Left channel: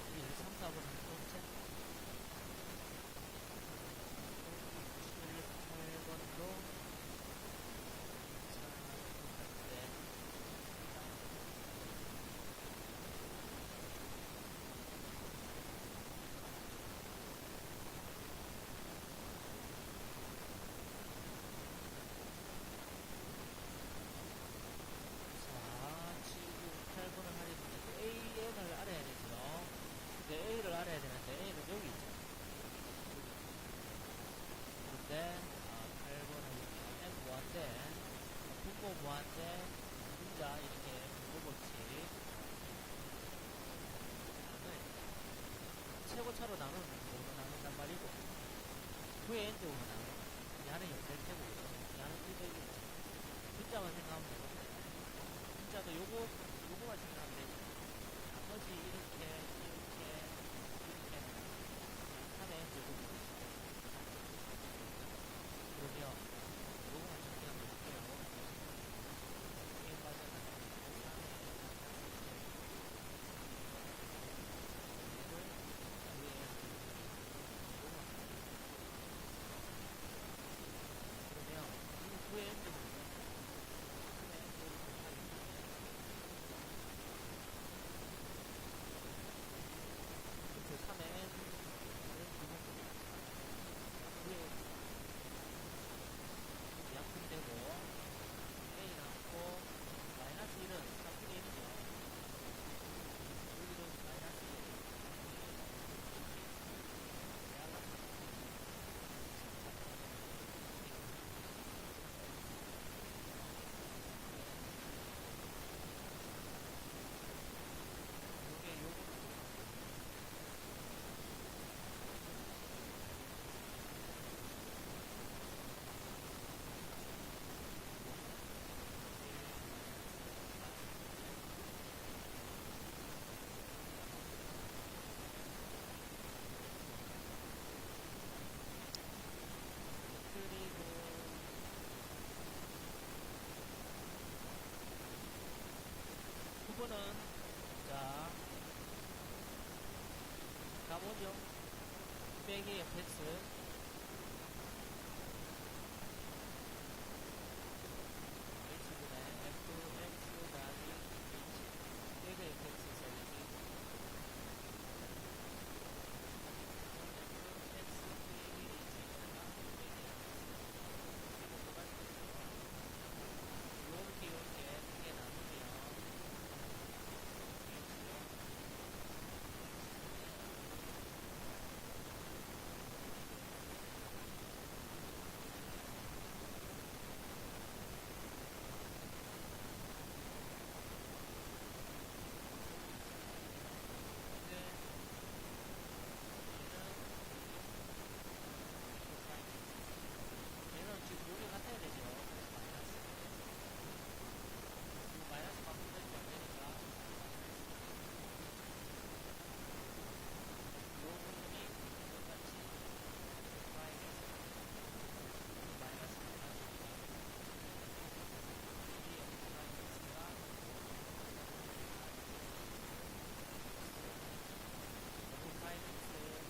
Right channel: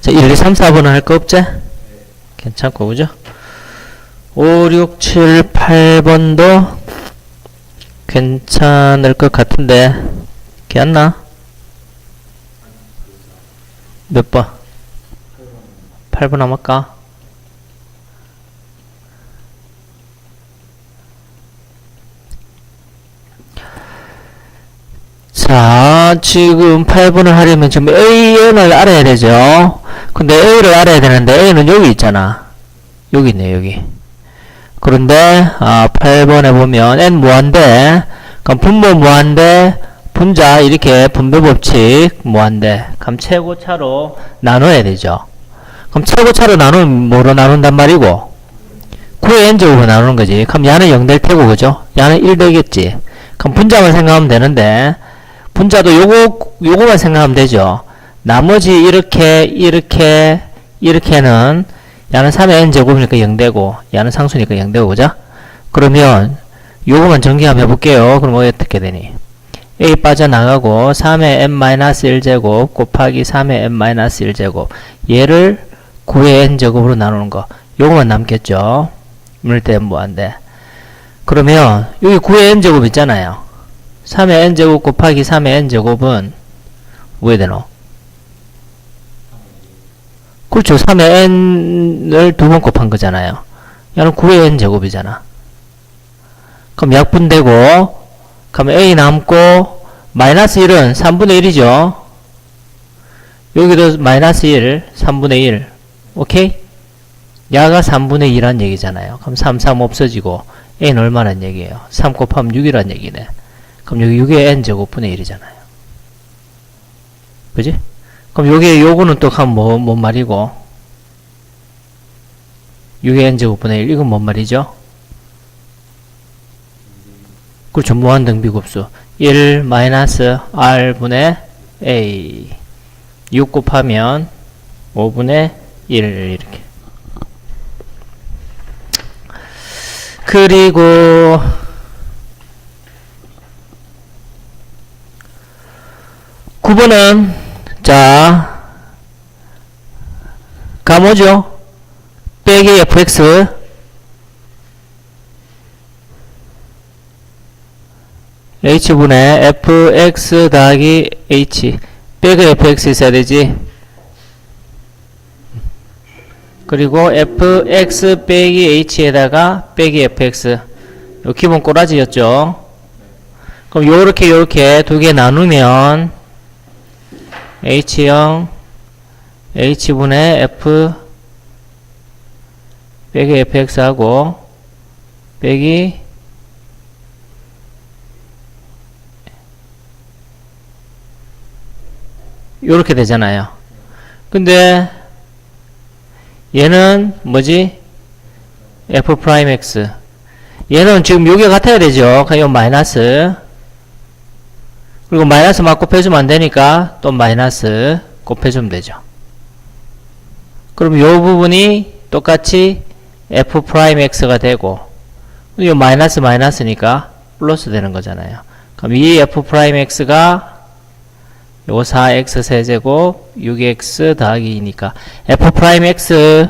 자, 1, 2, 3, 4번은 할 거 없지? 괜찮고, 그죠? 5, 6, 7, 8번도 괜찮을 것 같은데, 괜찮나? 몇 번? 8번 남을까? 자, 지금 8번을 하려면 지금 AN을 알아야 되죠? 근데 A를 알아야 되는데 A는 여기 있잖아. 여기 있네, 여기. 그런데 8번에 보면 N 무한대, 그럼 분모 무한대, 분자 이렇게 분배 법칙 무한대. 그럼 최고차로 나눠야 되죠. 그럼 최고차로 나누면 뭐로 나눈단 말이고? 9의 n제곱으로 나누는 거지. 그럼 야는 0 될 테고, 그죠? 야는 1 되겠지. 그럼 분자만 생각하면 되는데, 분자도 요거만 생각하면 되죠. 나머지 이렇게는 야는 3의 n제곱이니까 0 되고, 야는 상수니까 0 되고, 그죠? 그러면 요거만 전개 한번 해볼게요. 그럼 어떻게 되니? a 빠져나가고 3의 n-1제곱 곱하기 3의 n-1제곱 얘를 9의 n제곱으로 나누는 거 요거만 남겠죠. 물때 무한대. 그러면 여기 9의 n제곱 있잖아요. 3의 n제곱 곱하기 3의 n제곱은 뭐 해야 되노? 그렇죠. 3의 n을 두 번 곱한 거잖아요. 얘는 9의 n제곱이잖아. 그럼 약분되고 그러면 a 남고 마이너스 1은 3분의 1이죠. 여기도 마이너스 1, 3분의 1. 오케이? 야가 3분의 2란 얘기잖아요. 그럼 3, 3 없어지고 a는 얼마란 얘기예요? 3 곱하면 6이란 얘기네. 그럼 여기 6의 n제곱분의 1이잖아요. 그지? 그럼 요거는 또 하면 뭔 말이고? 6의 n제곱분의 1 이건 뭔 말이죠? 그렇죠. 무한등비급수 1 마이너스 r분의 a 6 곱하면 5분의 1 이렇게. 그리고 9번은 자 가뭐죠? 빼기 fx h분의 fx 더하기 h 빼기 fx 있어야 되지. 그리고 fx 빼기 h에다가 빼기 fx 요 기본 꼬라지였죠. 그럼 요렇게 두 개 나누면 h0 h분의 f 빼기 fx 하고 빼기 요렇게 되잖아요. 근데 얘는 뭐지? f'x 얘는 지금 요게 같아야 되죠. 그냥 요 마이너스 그리고 마이너스 막 곱해주면 안되니까 또 마이너스 곱해주면 되죠. 그럼 요 부분이 똑같이 f'x가 되고 요 마이너스니까 플러스 되는 거잖아요. 그럼 이 f'x가 요거 4x 세제곱 6x 더하기 2니까 f'x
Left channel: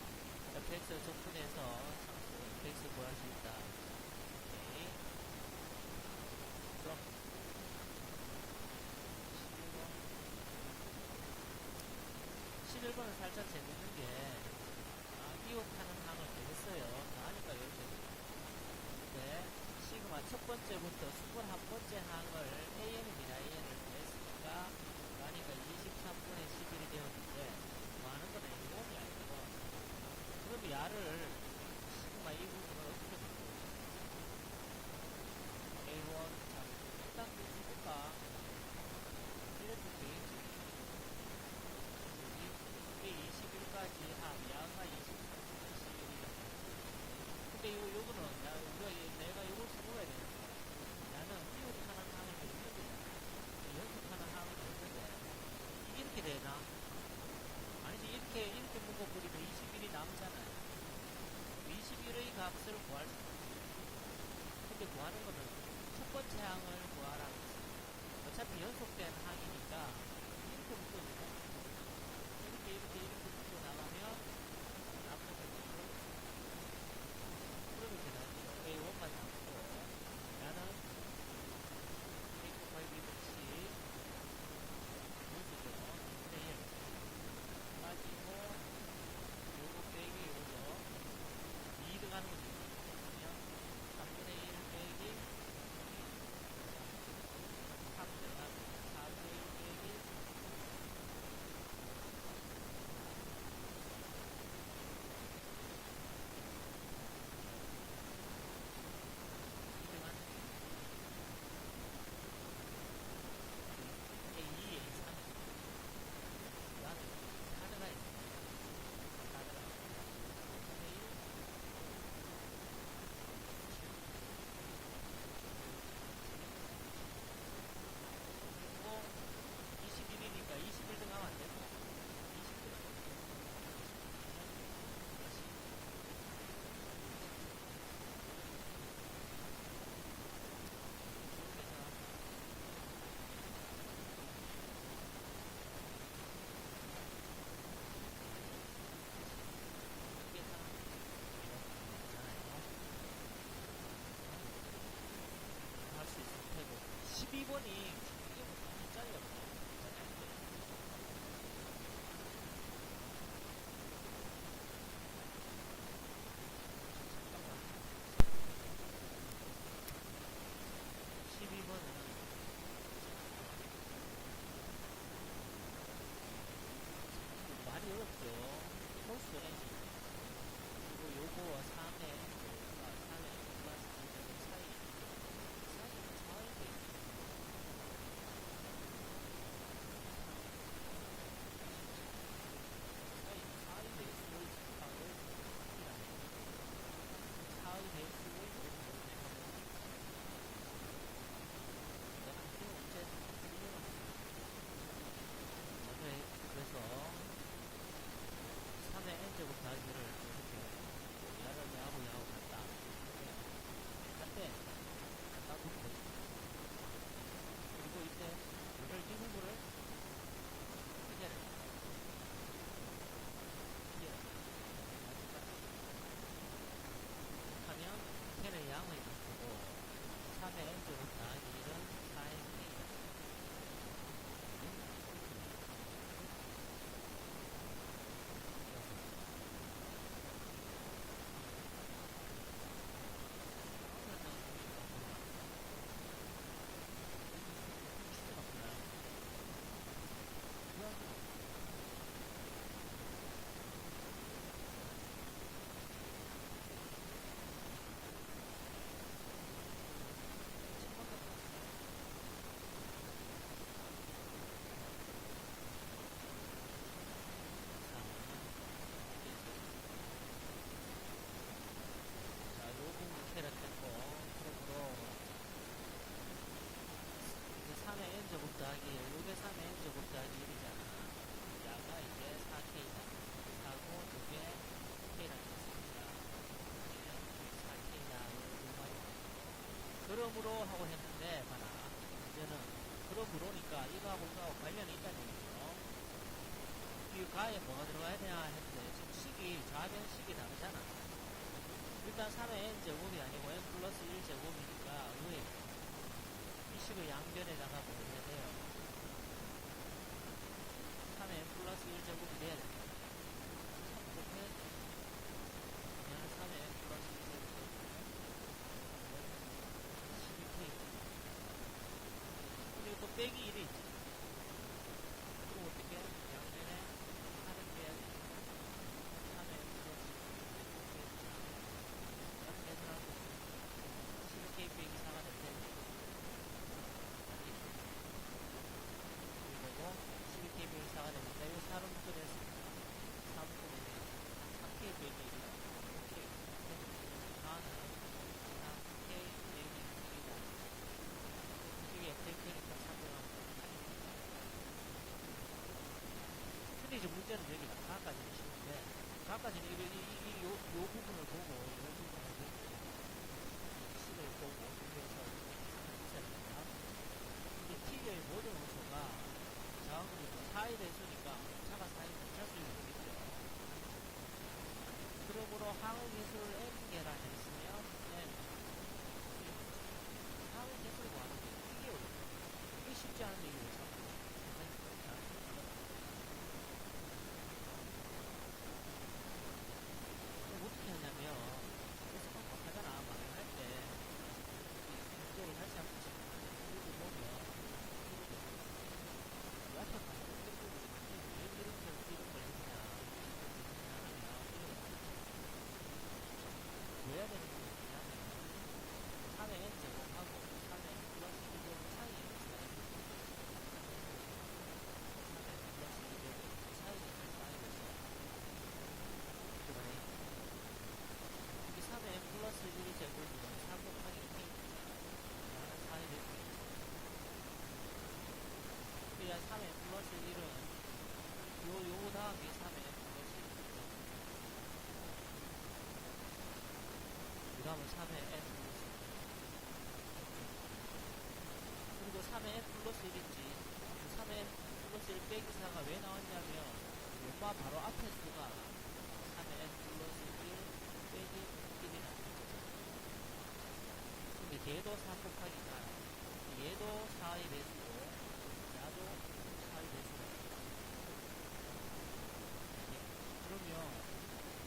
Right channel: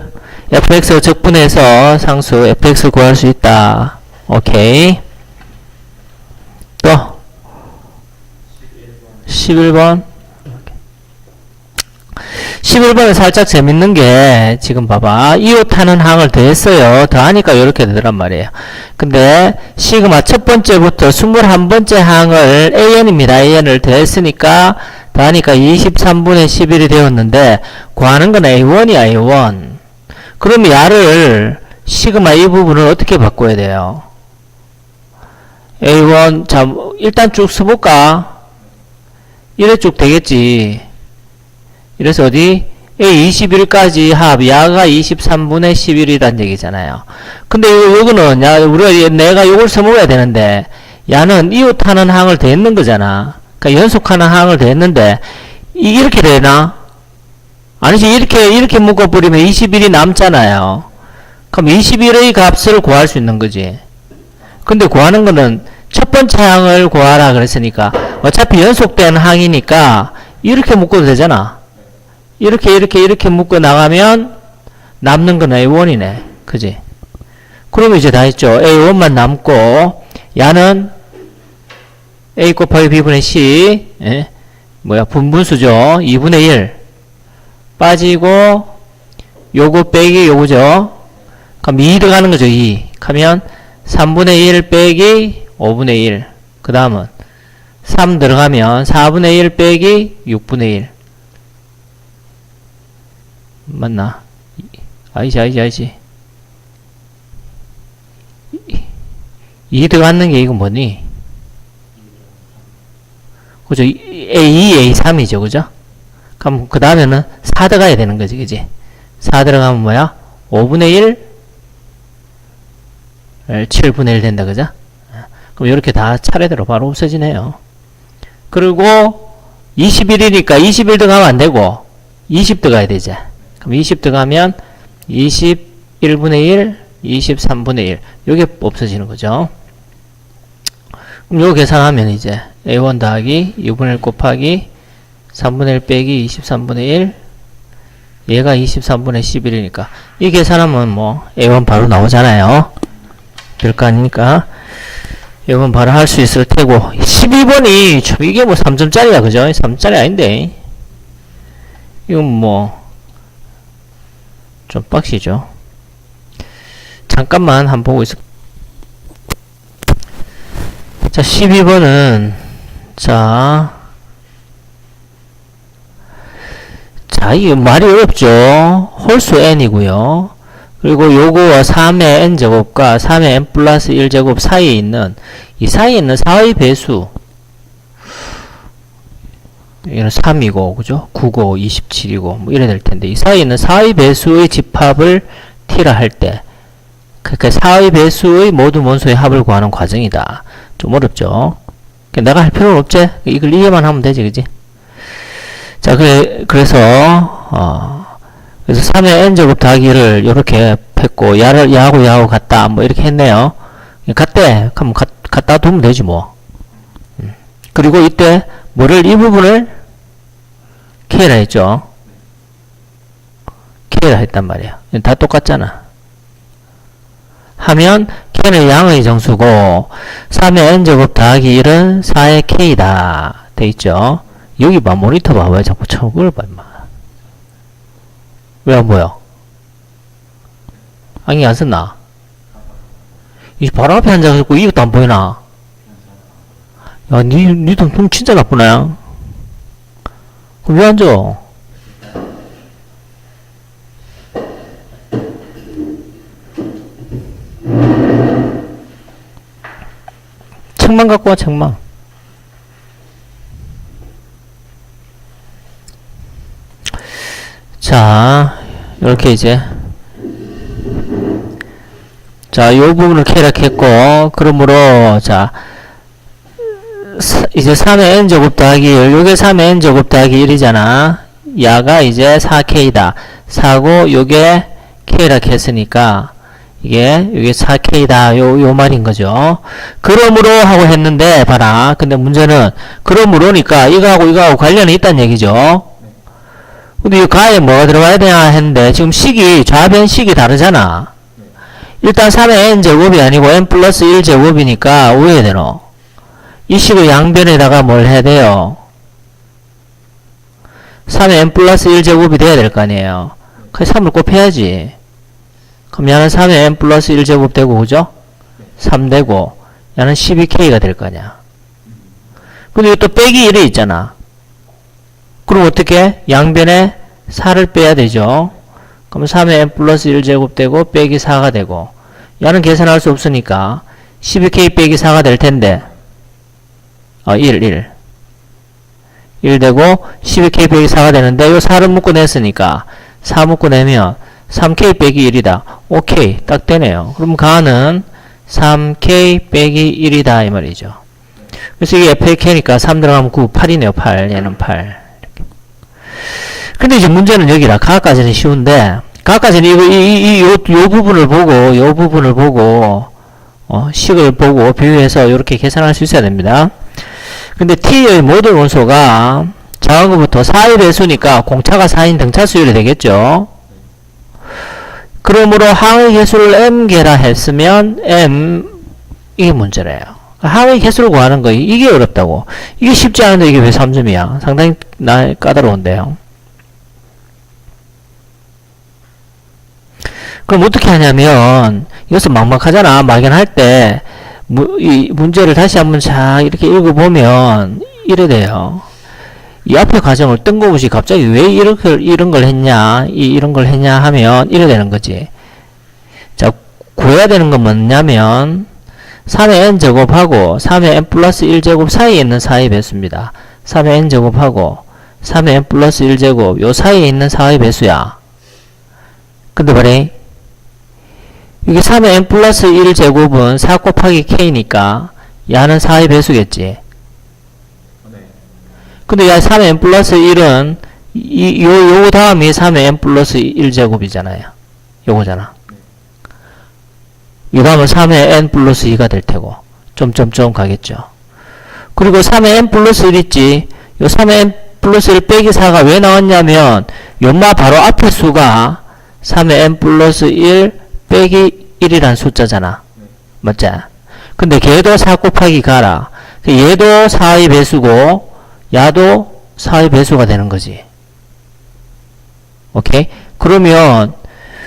적분해서 상수 fx 구할 수 있다. 오케이. 또 11번 11번은 살짝 재밌는 게 지금 봐봐 이웃하는 항을 더했어요. 더하니까 이렇게 되더란 말이에요. 근데 시그마 첫 번째부터 21번째 항을 an입니다. an을 더했으니까 더하니까 23분의 11이 되었는데 구하는 건 a1이야. a1 그러면 야를 시그마 이 부분을 어떻게 바꿔야 돼요? a1 자 일단 쭉 써볼까? 이래 쭉 되겠지. 이래서 어디? a21까지 합 야가 23분의 11이란 얘기잖아요. 근데 요거는 내가 요걸 써먹어야 되는데 야는 이웃하는 항을 더했는 거잖아. 그러니까 연속하는 항을 더했는데 이렇게 되나? 아니지. 이렇게 묶어버리면 21이 남잖아요. 그럼 21의 값을 구할 수 있는 거지. 근데 구하는 거는 첫 번째 항을 구하라 그랬으니까 어차피 연속된 항이니까 이렇게 묶어도 되잖아. 이렇게 묶어 나가면 남는 건 A1이네. 그지? 그러면 이제 다 했죠. A1만 남고, 야는 A 곱하기 B분의 C, 예? 분분수죠. 2분의 1. 빠지고, 요거 빼기 요거죠. 그럼 2 들어가는 거죠, 2. 하면 3분의 1 빼기 5분의 1. 그 다음은 3 들어가면 4분의 1 빼기 6분의 1. 맞나? 아니지. 2 들어가는 게 이거 뭐니? 그죠? A2, A3이죠, 그죠? 그럼 그 다음에는 4 들어가야 되는 거지, 그지? 4 들어가면 뭐야? 5분의 1, 7분의 1 된다, 그죠? 그럼 이렇게 다 차례대로 바로 없어지네요. 그리고 21이니까 21 들어가면 안 되고 20 들어가야 되지. 그럼 20 들어가면 21분의 1, 23분의 1. 요게 없어지는 거죠. 그럼 요거 계산하면 이제 A1 더하기 2분의 1 곱하기 3분의 1 빼기 23분의 1. 얘가 23분의 11이니까 이 계산하면 뭐 A1 바로 나오잖아요. 별거 아니니까 이건 바로 할 수 있을 테고 12번이 참 이게 뭐 3점짜리야 그죠? 3점짜리 아닌데 이건 뭐 좀 빡시죠. 잠깐만 한번 보고 있어. 자 12번은 자 이게 말이 어렵죠. 홀수 n이고요. 그리고 요거와 3의 n제곱과 3의 n 플러스 1제곱 사이에 있는 이 사이에 있는 4의 배수 얘는 3이고 그죠? 9고 27이고 뭐 이래 될 텐데 이 사이에 있는 4의 배수의 집합을 t라 할 때 그러니까 4의 배수의 모든 원소의 합을 구하는 과정이다. 좀 어렵죠? 내가 할 필요는 없지? 이걸 이해만 하면 되지 그지? 자 그래서 3의 n제곱 더하기를 요렇게 했고 야하고 같다 뭐 이렇게 했네요. 같대 그럼 갖다 두면 되지 뭐. 그리고 이때 뭐를 이 부분을 K라 했죠. K라 했단 말이야. 다 똑같잖아. 하면 K는 양의 정수고 3의 n제곱 더하기 1은 4의 K다 돼 있죠. 여기 봐 모니터 봐. 왜 자꾸 저걸 봐 임마. 왜 안 보여? 안경 안 썼나? 이 바로 앞에 앉아가지고 이것도 안 보이나? 야, 니도 눈 진짜 나쁘네. 그럼 왜 앉아? 책만 갖고 와, 책만. 자, 이렇게 이제 자, 요 부분을 캐락했고 그러므로 자 이제 3의 n제곱 더하기 1 요게 3의 n제곱 더하기 1이잖아. 야가 이제 4k다. 4고 요게 k라 했으니까 이게 4k다 요 말인 거죠. 그러므로 하고 했는데 봐라. 근데 문제는 그러므로니까 이거하고 관련이 있다는 얘기죠. 근데 이 가에 뭐가 들어가야 되냐 했는데 지금 식이 좌변식이 다르잖아. 일단 3의 n제곱이 아니고 n 플러스 1제곱이니까 오해야 되노. 이 식의 양변에다가 뭘 해야 돼요? 3의 n 플러스 1제곱이 돼야 될 거 아니에요. 그래서 3을 곱해야지. 그럼 얘는 3의 n 플러스 1제곱 되고 그죠? 3 되고 얘는 12k가 될 거냐. 근데 또 빼기 1이 있잖아. 그럼 어떻게? 양변에 4를 빼야 되죠. 그럼 3의 n 플러스 1제곱 되고 빼기 4가 되고 얘는 계산할 수 없으니까 12k 빼기 4가 될 텐데 1 되고 12k 빼기 4가 되는데 요 4를 묶어냈으니까 4 묶어내면 3k 빼기 1이다. 오케이 딱 되네요. 그럼 가는 3k 빼기 1이다 이 말이죠. 그래서 이게 FAK니까 3 들어가면 9, 8이네요. 8 얘는 8 근데 이제 문제는 여기라. 가까지는 쉬운데, 가까지는 요 부분을 보고, 식을 보고 비교해서 이렇게 계산할 수 있어야 됩니다. 근데 T의 모든 원소가, 작은 것부터 4의 배수니까 공차가 4인 등차 수열이 되겠죠. 그러므로 항의 개수를 m개라 했으면 m 이게 문제래요. 항의 개수를 구하는 거 이게 어렵다고. 이게 쉽지 않은데 이게 왜 3점이야? 상당히 까다로운데요. 그럼 어떻게 하냐면 이것은 막막하잖아. 막연할 때 이 문제를 다시 한번 잘 이렇게 읽어보면 이래 돼요. 이 앞에 과정을 뜬금없이 갑자기 왜 이런 걸 했냐, 이런 걸 했냐 하면 이래 되는 거지. 자, 구해야 되는 건 뭐냐면 3의 n제곱하고 3의 n 플러스 1제곱 사이에 있는 4의 배수입니다. 3의 n제곱하고 3의 n 플러스 1제곱 요 사이에 있는 4의 배수야. 근데 뭐래? 이게 3의 n 플러스 1제곱은 4 곱하기 k니까 야는 4의 배수겠지. 근데 야 3의 n 플러스 1은 요 다음이 3의 n 플러스 1제곱이잖아요. 요거잖아. 이 다음은 3의 n 플러스 2가 될 테고 점점점 가겠죠. 그리고 3의 n 플러스 1 있지. 요 3의 n 플러스 1 빼기 4가 왜 나왔냐면 요마 바로 앞에 수가 3의 n 플러스 1 빼기 1이란 숫자잖아. 맞지? 근데 걔도 4 곱하기 가라. 얘도 4의 배수고 야도 4의 배수가 되는 거지. 오케이? 그러면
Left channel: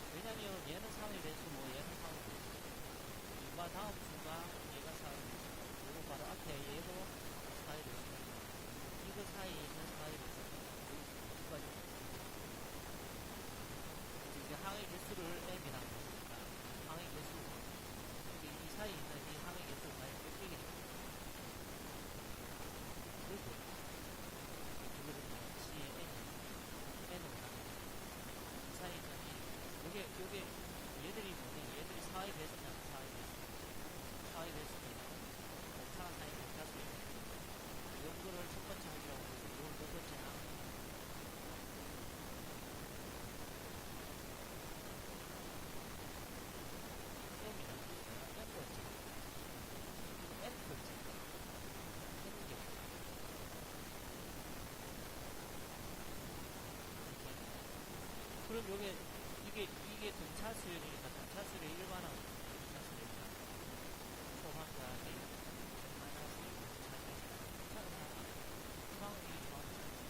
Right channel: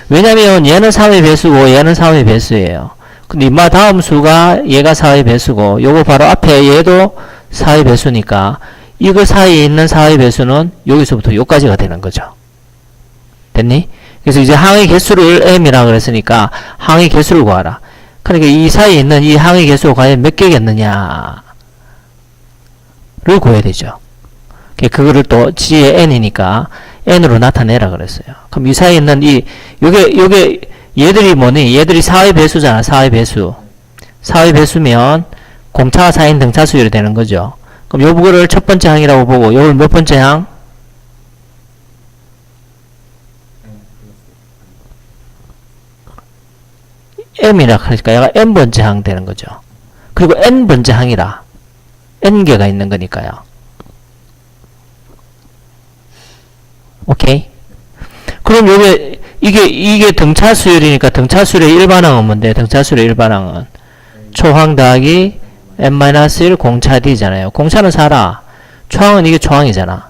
왜냐면 얘는 3의 배수고 얘는 3의 배수예요. 근데 인마 다음 수가 얘가 4의 배수고 요거 바로 앞에 얘도 4의 배수니까 이거 사이에 있는 4의 배수는 여기서부터 여기까지가 되는 거죠. 됐니? 그래서 이제 항의 개수를 m이라 그랬으니까 항의 개수를 구하라. 그러니까 이 사이에 있는 이 항의 개수가 과연 몇 개겠느냐를 구해야 되죠. 그거를 또 g의 n이니까 n으로 나타내라 그랬어요. 그럼 이 사이에 있는 요게 얘들이 뭐니? 얘들이 4의 배수잖아. 4의 배수. 4의 배수면 공차가 4인 등차 수열이 되는 거죠. 그럼 요거를 첫 번째 항이라고 보고 요걸 몇 번째 항? m이라 하니까 얘가 n번째 항 되는 거죠. 그리고 n번째 항이라. n개가 있는 거니까요. 오케이? 그럼 이게 등차 수열이니까 등차 수열의 일반항은 뭔데? 등차 수열의 일반항은 초항 더하기 n-1 공차 d잖아요. 공차는 4라. 초항은 이게 초항이잖아.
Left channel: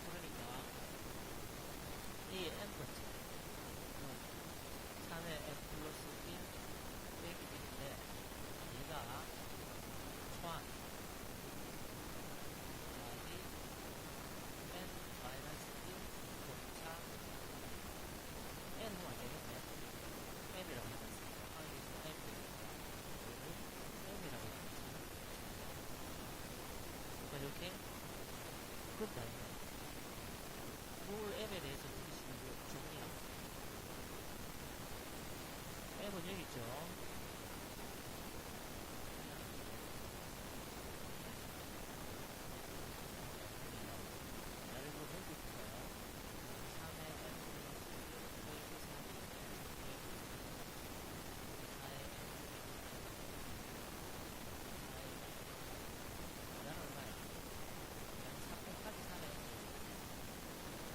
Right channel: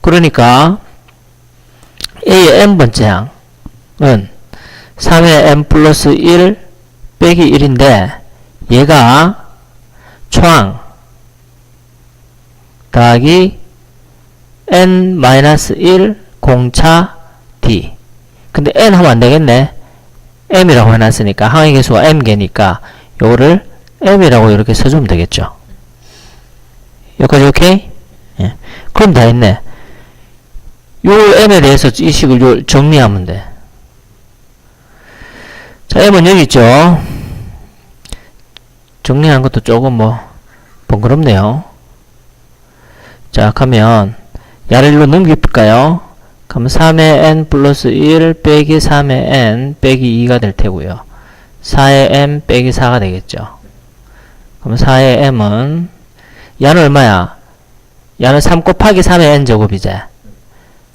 그러니까 A의 n번째 항은 3의 n 플러스 1 빼기 1인데 얘가 초항 더하기 n-1 공차 d. 근데 n 하면 안되겠네. m이라고 해놨으니까 항의 개수가 m개니까 요거를 m이라고 이렇게 써주면 되겠죠. 여기까지 오케이? 예. 그럼 다 했네. 요 m에 대해서 이 식을 정리하면 돼. 자, m은 여기 있죠. 정리하는 것도 조금 번거롭네요. 자, 그러면 야를 일로 넘길까요? 그럼 3의 n 플러스 1 빼기 3의 n 빼기 2가 될 테고요. 4의 m 빼기 4가 되겠죠. 그럼 4의 m은 야는 얼마야? 야는 3 곱하기 3의 n 제곱이지.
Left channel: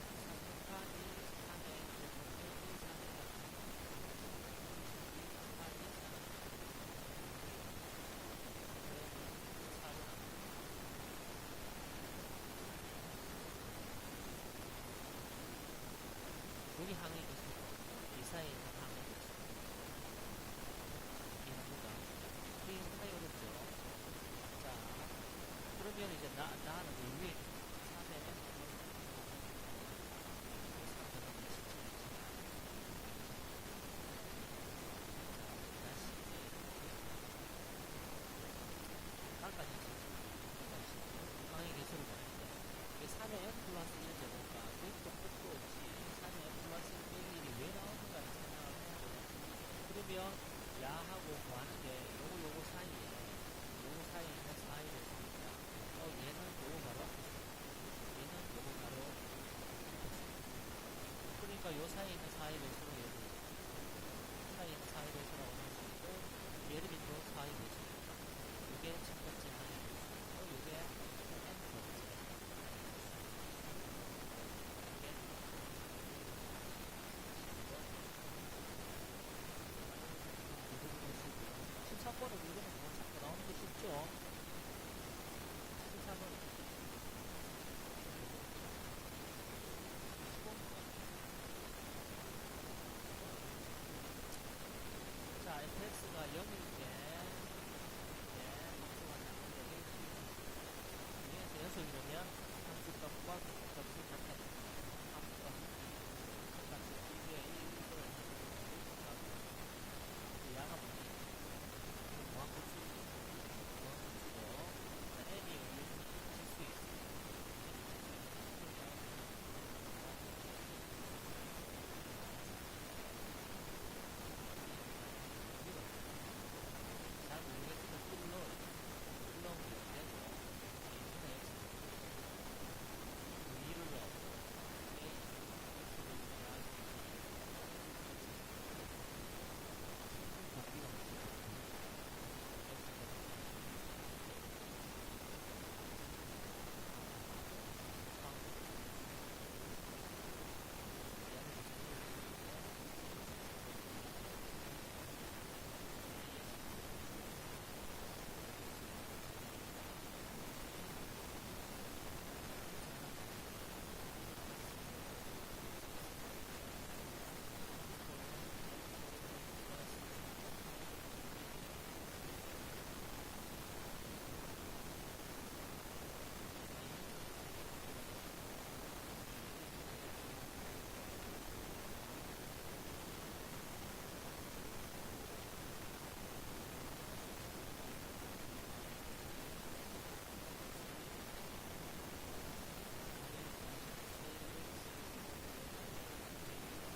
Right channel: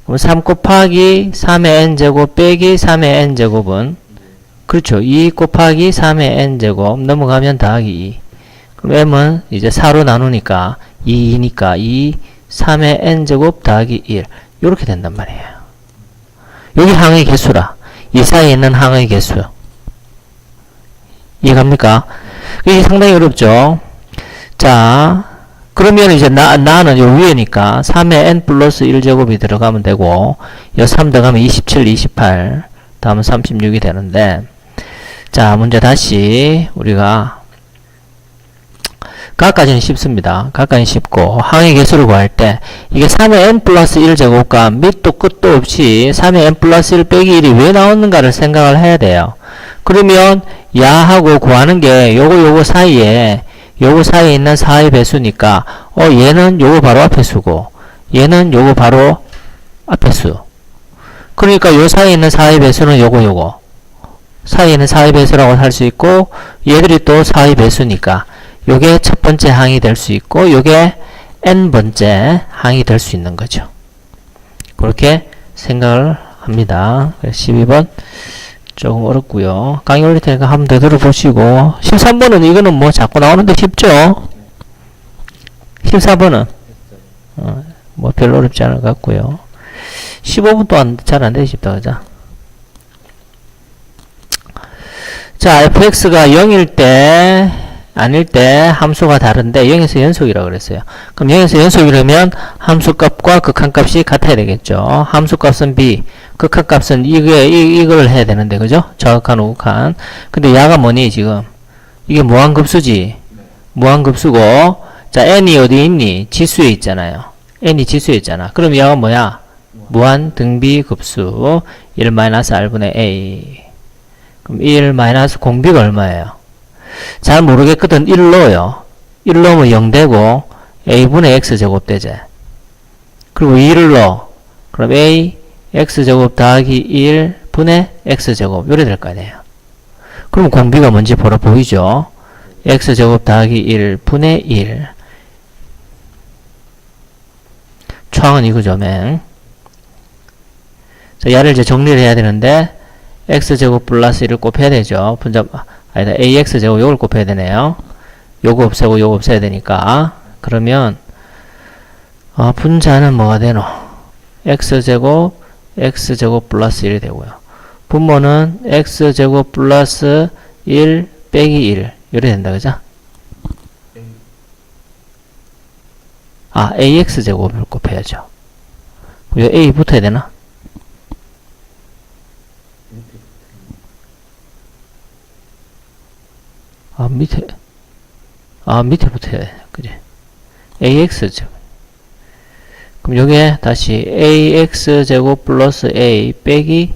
그럼 3 곱하기 3의 n 제곱 빼기 3의 n 제곱은 그렇죠. 2 곱하기 3의 n제곱 넘어가면 더하기 2. 그럼 m은 이제 4로 나누니까 2니까 2, 3의 n제곱 더하기 1. 요렇게 된단 말이에요. 여기 항의 개수라. 이 사이에 있는 항의 개수. 이해갑니까? 이게 상당히 어렵죠. 자, 그러면 이제 나는 요 위에니까 3의 n 플러스 1제곱이 들어가면 되고 요 3 들어가면 27, 28 다음은 36이 되는데 자, 문제 다시 우리가 각까지는 쉽습니다. 각까지는 쉽고 항의 개수를 구할 때 이게 3의 n 플러스 1제곱과 밑도 끝도 없이 3의 n 플러스 1 빼기 1이 왜 나오는가를 생각을 해야 돼요. 그러면 야하고 구하는 게 요거 사이에 있는 4의 배수니까 얘는 요거 바로 앞에 수고 얘는 요거 바로 앞에 수. 그러니까 요 사이에 있는 4의 배수는 요거 사이에는 4의 배수라고 할 수 있고 얘들이 또 4의 배수니까 요게 첫 번째 항이 될 수 있고 요게 n번째 항이 될 수 있는 거죠. 그렇게 생각을 합니다. 12번 조금 어렵고요. 강의 올릴 테니까 한번 더 들어보시고 13번은 이거는 뭐 자꾸 나오는데 쉽죠? 14번은 뭐 별로 어렵지 않을 것 같고요. 15분 또한 잘 안 되기 쉽다 그죠? 자, fx가 0일 때 아닐 때 함수가 다른데 0에서 연속이라고 그랬어요. 그럼 0에서 연속이라면 함수값과 극한값이 같아야 되겠죠. 함수값은 b, 극한값은 이걸 해야 되는데 그죠? 정확한 우극한. 근데 야가 뭐니 지금? 이게 무한급수지. 무한급수고 자 n이 어디 있니? 지수에 있잖아요. n이 지수에 있잖아. 그럼 야가 뭐야? 무한 등비급수 1-r분의 a. 그럼 1 마이너스 공비가 얼마예요? 잘 모르겠거든. 1 넣어요. 1 넣으면 0 되고 a분의 x제곱 되지. 그리고 2를 넣어. 그럼 a x제곱 더하기 1분의 x제곱 요래 될 거 아니에요. 그럼 공비가 뭔지 보러 보이죠? x제곱 더하기 1분의 1. 초항은 이거죠, 맹. 자, 얘를 이제 정리를 해야 되는데 x제곱 플러스 1을 곱해야 되죠. 분자, 아니다, ax제곱 요걸 곱해야 되네요. 요거 없애고 요거 없애야 되니까. 그러면, 분자는 뭐가 되노? x제곱 플러스 1이 되고요. 분모는 x제곱 플러스 1 빼기 1. 요래 된다, 그죠? ax제곱을 곱해야죠. 요 a 붙어야 되나? 밑에 붙어야 돼. 그지? ax제곱. 그럼 요게 다시 ax제곱 플러스 a 빼기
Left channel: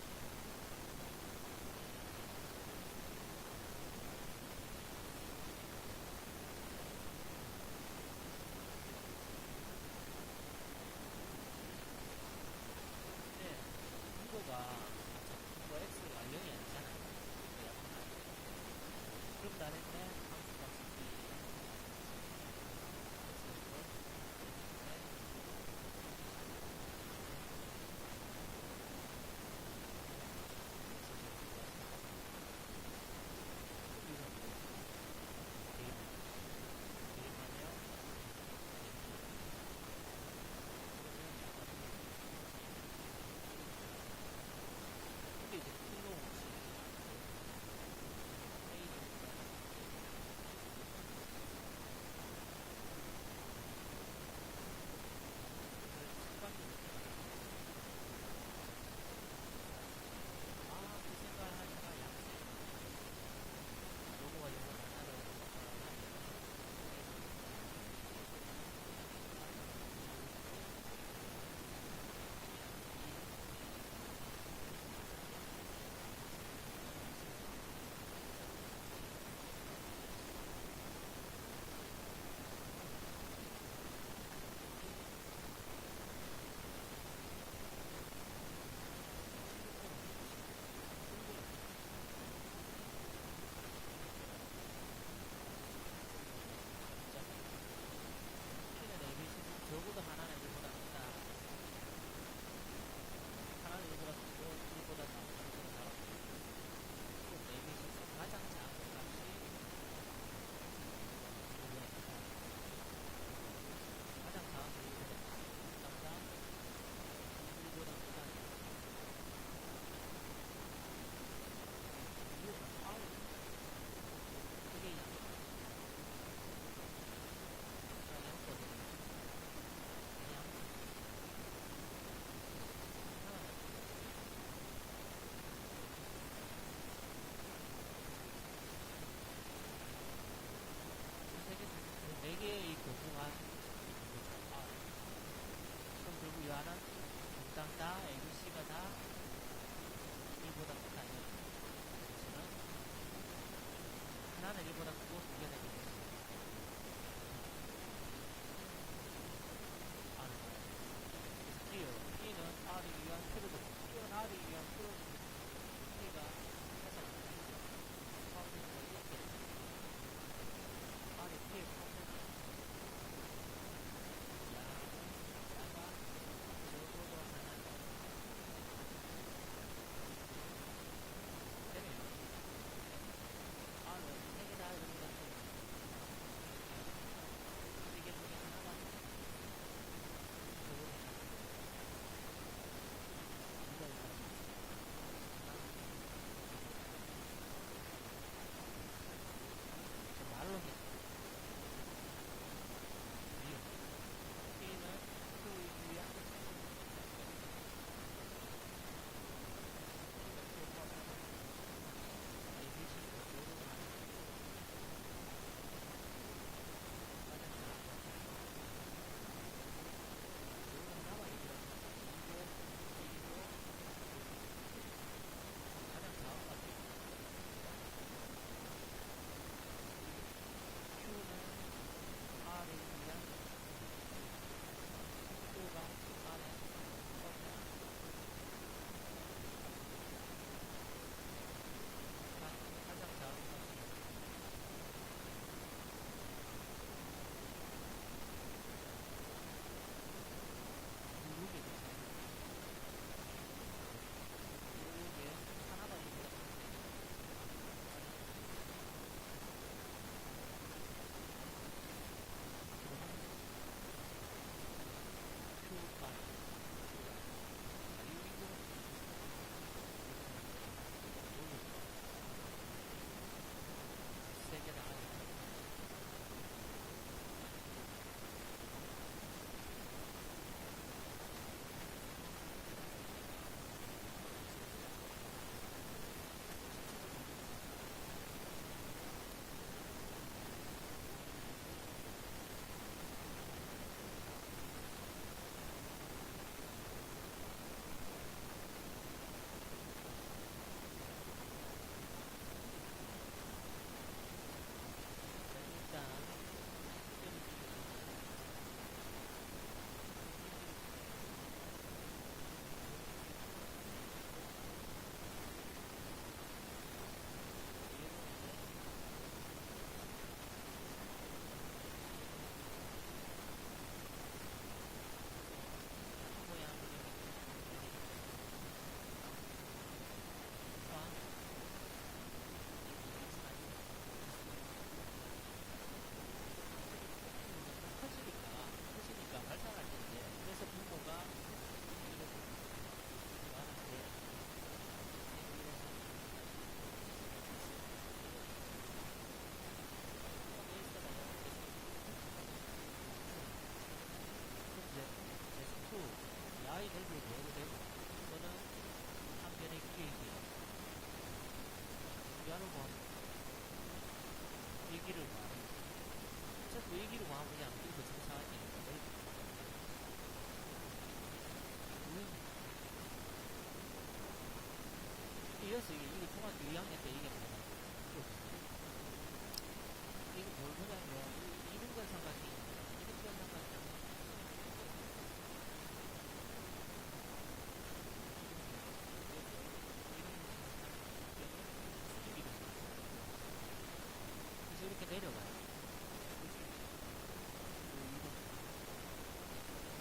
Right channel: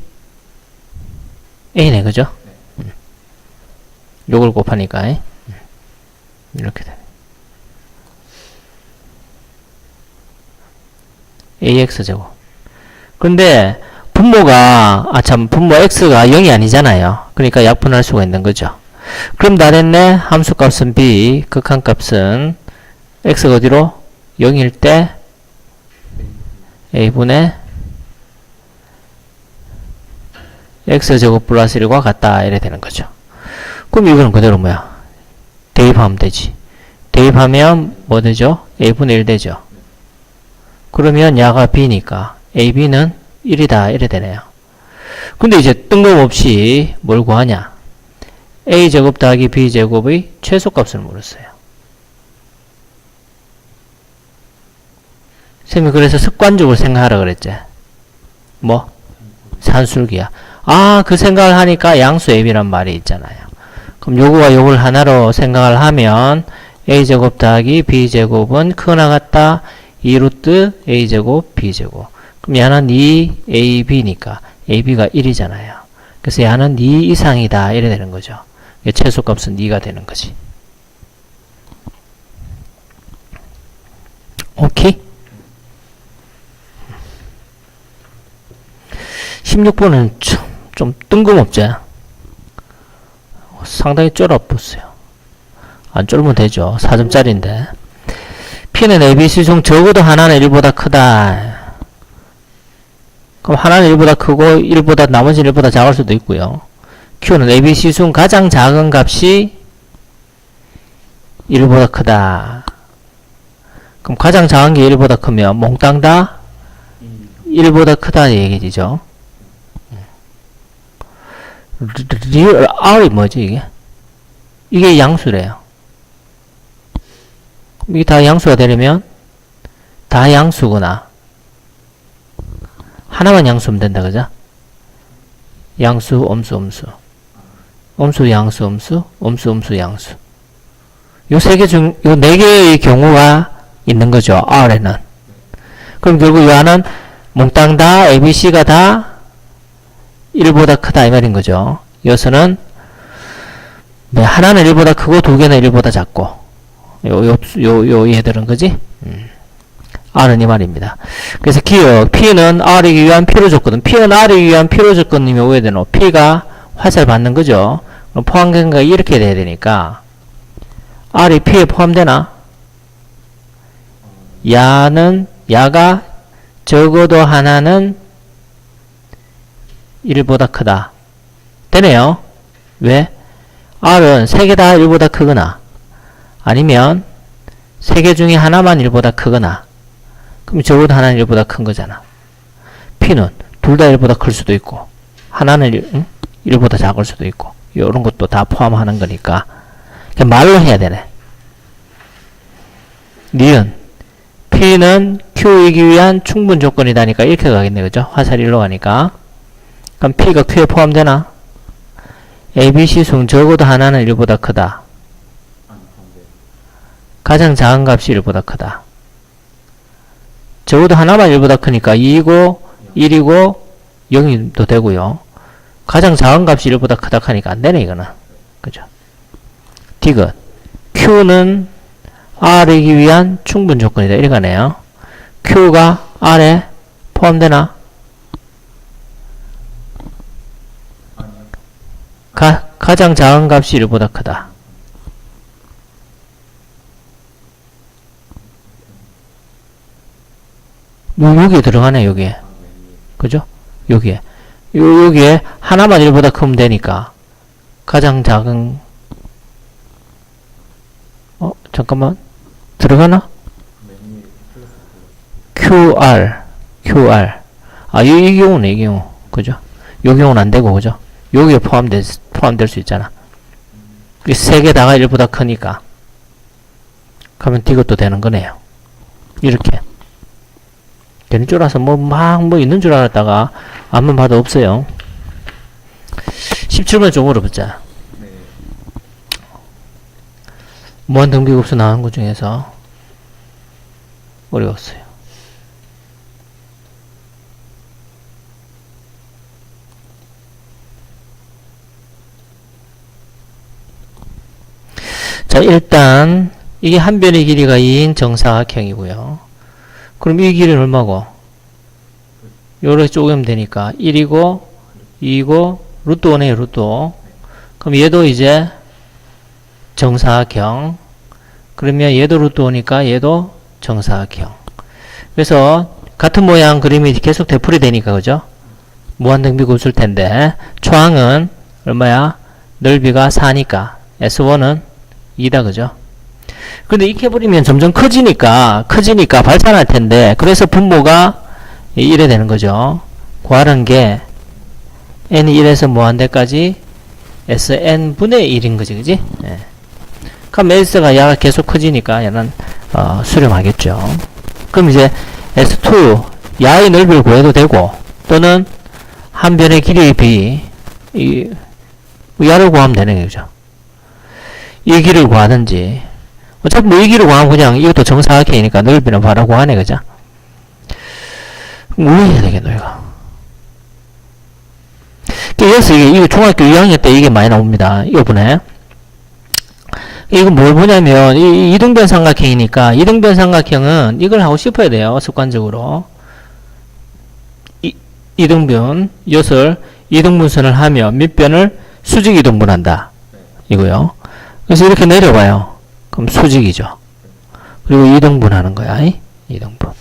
a네, 그죠? 요걸 곱하니까, 이렇게 돼. ax제곱. 근데, 분모가, 분모 x가 0이 아니잖아요. 그러니까 약분할 수가 있는 거죠. 그럼 다 됐네. 함수값은 b, 극한값은 x가 어디로? 0일 때 a분의 x제곱 플러스 1과 같다. 이래 되는 거죠. 그럼 이거는 그대로 뭐야? 대입하면 되지. 대입하면 뭐 되죠? a분의 1 되죠. 그러면 야가 b니까 ab는 1이다. 이래 되네요. 근데 이제 뜬금없이 뭘 구하냐? a제곱 더하기 b제곱의 최소값을 물었어요. 쌤이 그래서 습관적으로 생각하라 그랬지. 뭐? 산술기야. 그 생각을 하니까 양수 ab란 말이 있잖아요. 그럼 요거와 요걸 하나로 생각을 하면 a제곱 더하기 b제곱은 크거나 같다 2루트 a제곱 b제곱. 그럼 얘는 2ab니까 ab가 1이잖아요. 그래서 얘는 2 이상이다. 이래 되는 거죠. 최소값은 2가 되는 거지. 오케이? 16번은 좀 뜬금없지? 상당히 쫄아보세요. 안 쫄면 되죠. 4점짜리인데. P는 ABC 중 적어도 하나는 1보다 크다. 그럼 하나는 1보다 크고 1보다 나머지는 1보다 작을 수도 있고요. Q는 ABC 중 가장 작은 값이 1보다 크다. 그럼 가장 작은 게 1보다 크면 몽땅 다 1보다 크다 얘기죠. 리얼 R이 뭐지 이게? 이게 양수래요. 이게 다 양수가 되려면 다 양수구나. 하나만 양수면 된다 그죠? 양수, 엄수, 엄수. 엄수, 양수, 엄수, 엄수, 엄수, 양수. 요 세 개 중, 요 네 개의 경우가 있는 거죠. R에는. 그럼 결국 요 하나는 몽땅 다 ABC가 다 1보다 크다 이 말인 거죠. 여기서는 하나는 1보다 크고 두 개는 1보다 작고 요 얘들은 그지? R은 이 말입니다. 그래서 기억 P는 R이기 위한 필요 조건. P는 R이기 위한 필요 조건님이 오해야 되노? P가 화살 받는 거죠. 그럼 포함된가 이렇게 돼야 되니까 R이 P에 포함되나? 야가 적어도 하나는 1보다 크다. 되네요. 왜? R은 3개 다 1보다 크거나 아니면 3개 중에 하나만 1보다 크거나 그럼 적어도 하나는 1보다 큰 거잖아. P는 둘 다 1보다 클 수도 있고 하나는 1보다 작을 수도 있고 이런 것도 다 포함하는 거니까 그냥 말로 해야 되네. 니은 P는 Q이기 위한 충분 조건이다니까 이렇게 가겠네. 그죠? 화살 1로 가니까. 그럼 P가 Q에 포함되나? A, B, C 중 적어도 하나는 1보다 크다. 가장 작은 값이 1보다 크다. 적어도 하나만 1보다 크니까 2이고 1이고 0이도 되고요. 가장 작은 값이 1보다 크다 하니까 안 되네 이거는. 그죠? 디귿 Q는 R이기 위한 충분 조건이다. 이렇게 가네요. Q가 R에 포함되나? 가장 작은 값이 1보다 크다. 여기에 들어가네, 여기에. 그죠? 여기에. 여기에 하나만 1보다 크면 되니까. 가장 작은, 잠깐만. 들어가나? QR. 아, 이 경우네, 이 경우. 그죠? 요 경우는 안 되고, 그죠? 여기에 포함될 수 있잖아. 이 3개 다가 1보다 크니까. 그러면 이것도 되는 거네요. 이렇게. 되는 줄 알아서 뭐 있는 줄 알았다가 앞만 봐도 없어요. 17번 좀 물어보자. 무한등비급수 나온 것 중에서 어려웠어요. 자, 일단 이게 한 변의 길이가 2인 정사각형이고요. 그럼 이 길이는 얼마고? 요렇게 쪼개면 되니까 1이고 2이고 루트 5네요. 루트 5. 그럼 얘도 이제 정사각형. 그러면 얘도 루트 5니까 얘도 정사각형. 그래서 같은 모양 그림이 계속 되풀이 되니까 그죠? 무한등비급수일 텐데 초항은 얼마야? 넓이가 4니까 S1은 2다 그죠? 근데 이렇게 해버리면 점점 커지니까 발산할 텐데 그래서 분모가 이래 되는 거죠. 구하는 게 n이 1에서 무한대까지 Sn분의 1인 거지 그지? 예. 그럼 S가 야가 계속 커지니까 얘는 수렴하겠죠. 그럼 이제 S2 야의 넓이를 구해도 되고 또는 한 변의 길이의 B 야를 구하면 되는 거죠. 이 길을 구하든지 어차피 뭐 이 길을 구하면 그냥 이것도 정사각형이니까 넓이는 바로 구하네 그죠? 뭐 해야 되겠노 이거. 그래서 이거 중학교 2학년 때 이게 많이 나옵니다. 이거보네. 이거 뭘 보냐면 이 이등변 삼각형이니까 이등변 삼각형은 이걸 하고 싶어야 돼요. 습관적으로. 이등변 이것을 이등분선을 하며 밑변을 수직 이등분한다. 이거요. 그래서 이렇게 내려봐요. 그럼 수직이죠. 그리고 2등분 하는 거야. 2등분.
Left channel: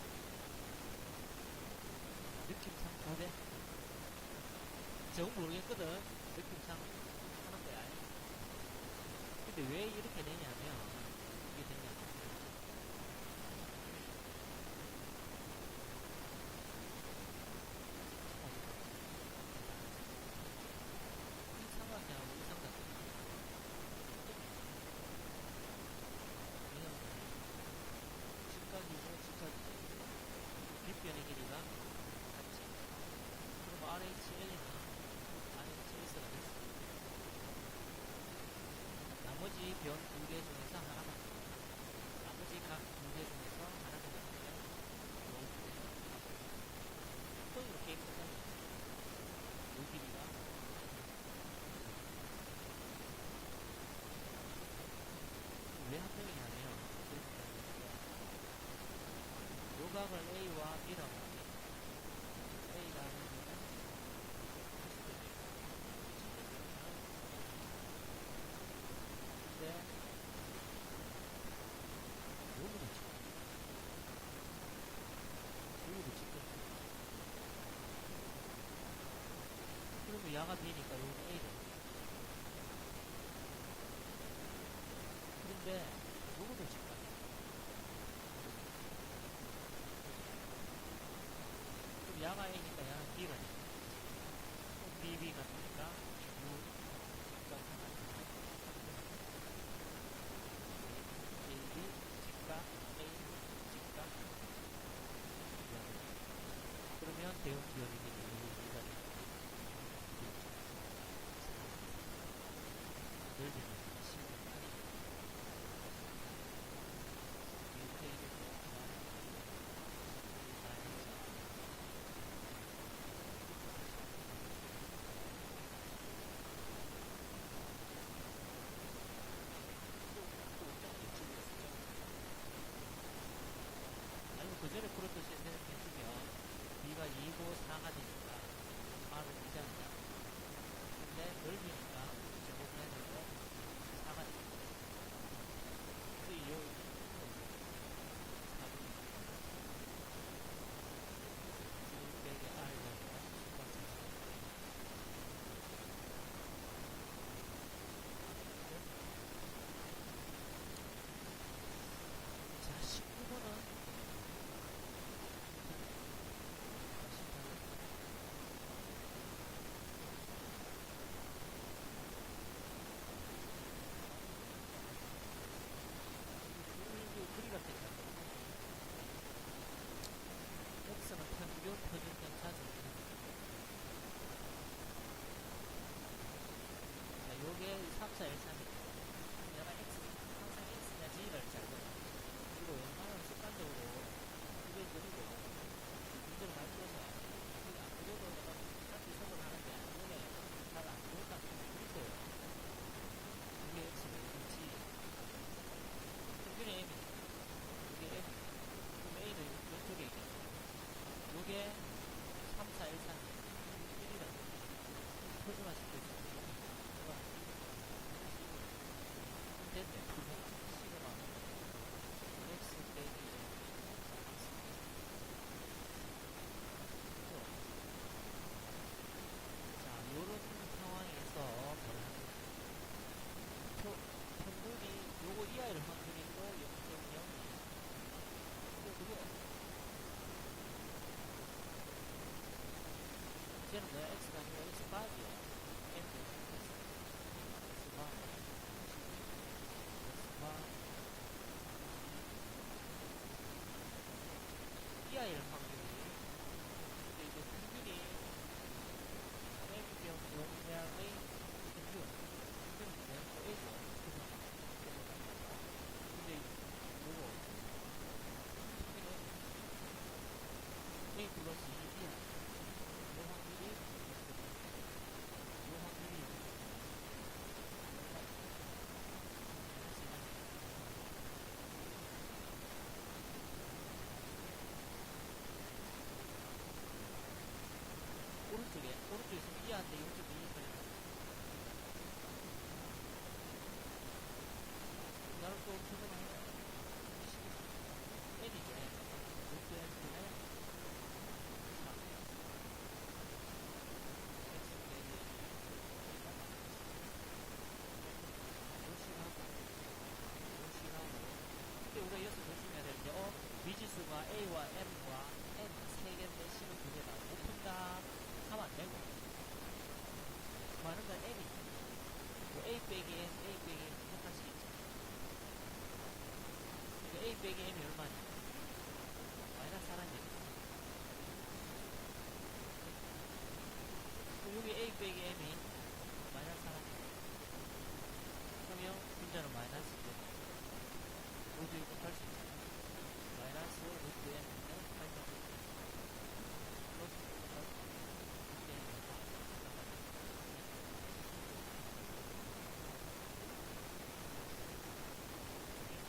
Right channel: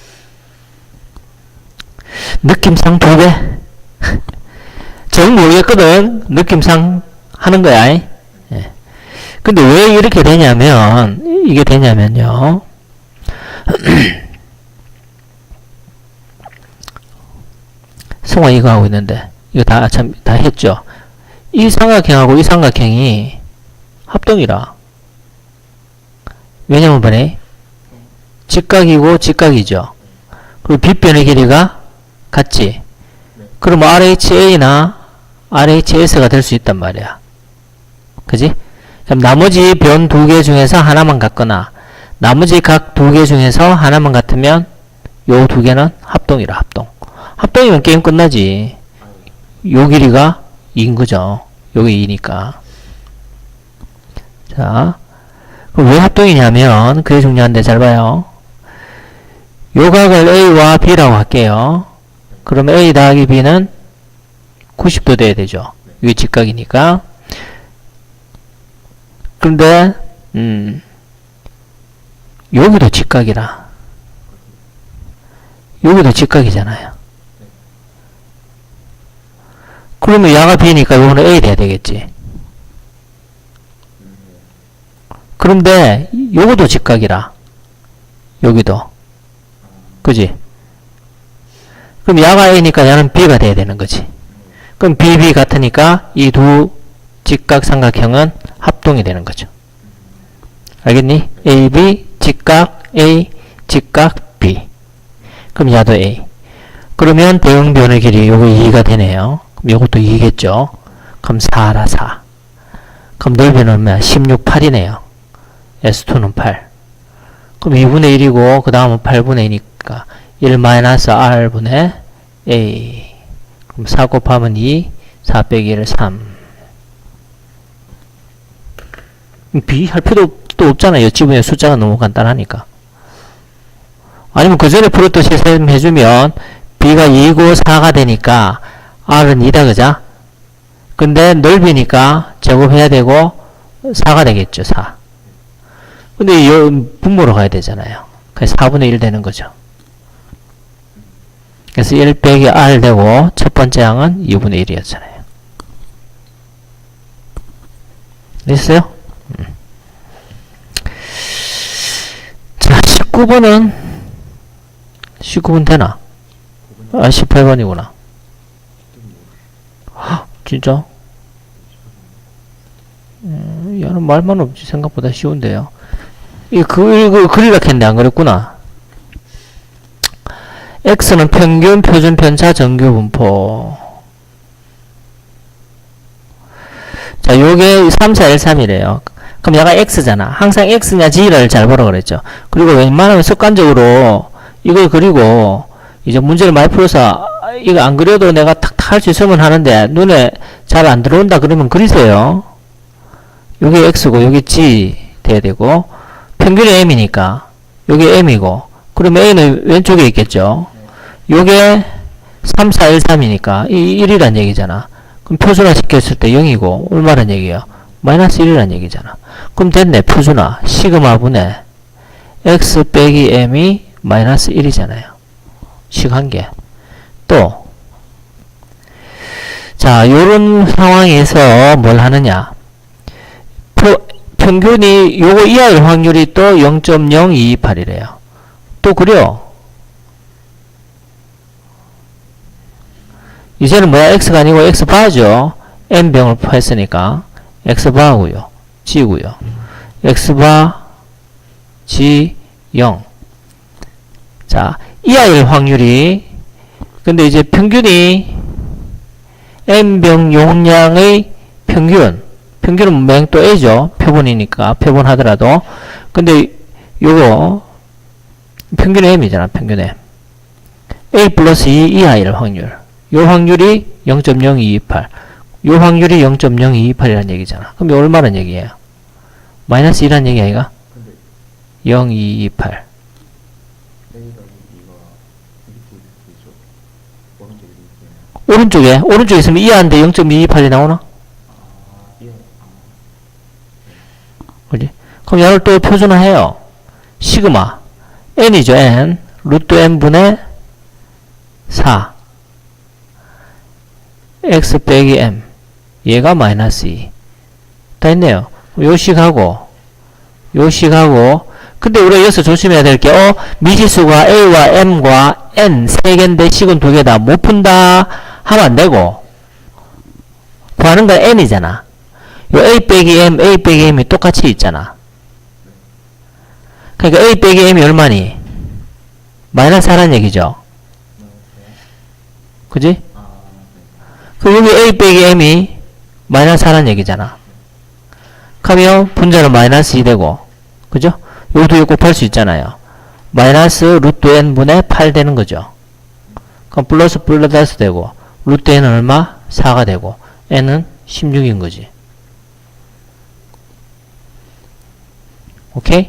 느낌상 2배. 정 모르겠거든. 느낌상 하는 거야. 예. 근데 왜 이렇게 되냐면, 이게 되냐면요. 성화 이거 하고 있는데, 이거 다 했죠. 이 삼각형하고 이 삼각형이 합동이라. 왜냐면 뭐래? 직각이고 직각이죠. 그리고 빗변의 길이가 같지. 그럼 RHA나 RHS가 될 수 있단 말이야. 그지? 그럼 나머지 변 2개 중에서 하나만 같거나 나머지 각 2개 중에서 하나만 같으면 요 2개는 합동이라. 합동이면 게임 끝나지. 요 길이가 2인 거죠. 요게 2니까. 자, 그럼 왜 합동이냐면 그게 중요한데 잘 봐요. 요 각을 A와 B라고 할게요. 그럼 A 더하기 B는 90도 돼야 되죠. 이게 직각이니까. 그런데 여기도 직각이라. 여기도 직각이잖아요. 그러면 야가 B니까 요거는 A 돼야 되겠지. 그런데 요거도 직각이라. 여기도. 그지? 그럼 야가 A니까 야는 B가 돼야 되는 거지. 그럼 BB 같으니까 이 두 직각 삼각형은 합동이 되는 거죠. 알겠니? AB 직각 A 직각 B. 그럼 야도 A. 그러면 대응변의 길이 요거 2가 되네요. 그럼 요것도 2겠죠. 그럼 4라 4. 그럼 넓이는 얼마야? 16, 8이네요. S2는 8. 그럼 2분의 1이고 그 다음은 8분의 2니까 1 마이너스 R분의 A. 그럼 4 곱하면 2, 4 빼기 1, 3. B 할 필요 또 없잖아요. 지분의 숫자가 너무 간단하니까. 아니면 그 전에 풀었듯이 해주면 B가 2고 4가 되니까 R은 2다, 그자? 근데 넓이니까 제곱해야 되고 4가 되겠죠, 4. 근데 분모로 가야 되잖아요. 그래서 4분의 1 되는 거죠. 그래서 1 빼기 R 되고 첫 번째 항은 2분의 1이었잖아요. 됐어요? 자, 19번 되나? 아, 18번이구나. 진짜? 얘는 말만 없지. 생각보다 쉬운데요. 이거 그리라 했는데 안 그랬구나. X는 평균, 표준 편차, 정규 분포. 자, 요게 3, 4, 1, 3이래요. 그럼 얘가 X잖아. 항상 X냐 G를 잘 보라 그랬죠. 그리고 웬만하면 습관적으로 이걸 그리고 이제 문제를 많이 풀어서 이거 안 그려도 내가 탁탁 할 수 있으면 하는데 눈에 잘 안 들어온다 그러면 그리세요. 요게 X고 요게 G 돼야 되고 평균이 M이니까 요게 M이고 그러면 A는 왼쪽에 있겠죠. 요게 3, 4, 1, 3이니까 이 1이란 얘기잖아. 그럼 표준화 시켰을 때 0이고 얼마란 얘기야? 마이너스 1이란 얘기잖아. 그럼 됐네. 표준화 시그마분의 X 빼기 M이 마이너스 1이잖아요. 식 한 개. 또 자, 요런 상황에서 뭘 하느냐. 평균이 요거 이하일 확률이 또 0.0228이래요. 또 그려. 이제는 뭐야? X가 아니고 X바죠. N병을 했으니까 X바고요. G고요. X바 G 0. 자, 이하일 확률이 근데 평균이 N병 용량의 평균은 맹 또 A죠. 표본이니까 표본하더라도 근데 요거 평균 M이잖아. 평균 M. A 플러스 2 이하일 확률. 요 확률이 0.0228. 요 확률이 0.0228이라는 얘기잖아. 그럼 얼마란 얘기예요? 마이너스 1이라는 얘기 아이가? 0.228. 오른쪽에 있으면 이하인데 0.228이 나오나? 그지? 그럼 얘를 또 표준화해요. 시그마 n이죠. n 루트 n분의 4 x 빼기 m 얘가 마이너스 2 다 했네요. 요식하고 근데 우리가 여기서 조심해야 될 게 미지수가 a와 m과 n 세 개인데 식은 두 개다 못 푼다 하면 안 되고 구하는 건 n이잖아. 요 a 빼기 m이 똑같이 있잖아. 그러니까 a 빼기 m이 얼마니? 마이너스 4란 얘기죠. 그지? 그럼 여기 a 빼기 m이 마이너스 4란 얘기잖아. 그러면 분자는 마이너스 2 되고 그죠? 요것도 곱할 수 있잖아요. 마이너스 루트 n분의 8 되는 거죠. 그럼 플러스 되고 루트 n은 얼마? 4가 되고 n은 16인 거지. 오케이?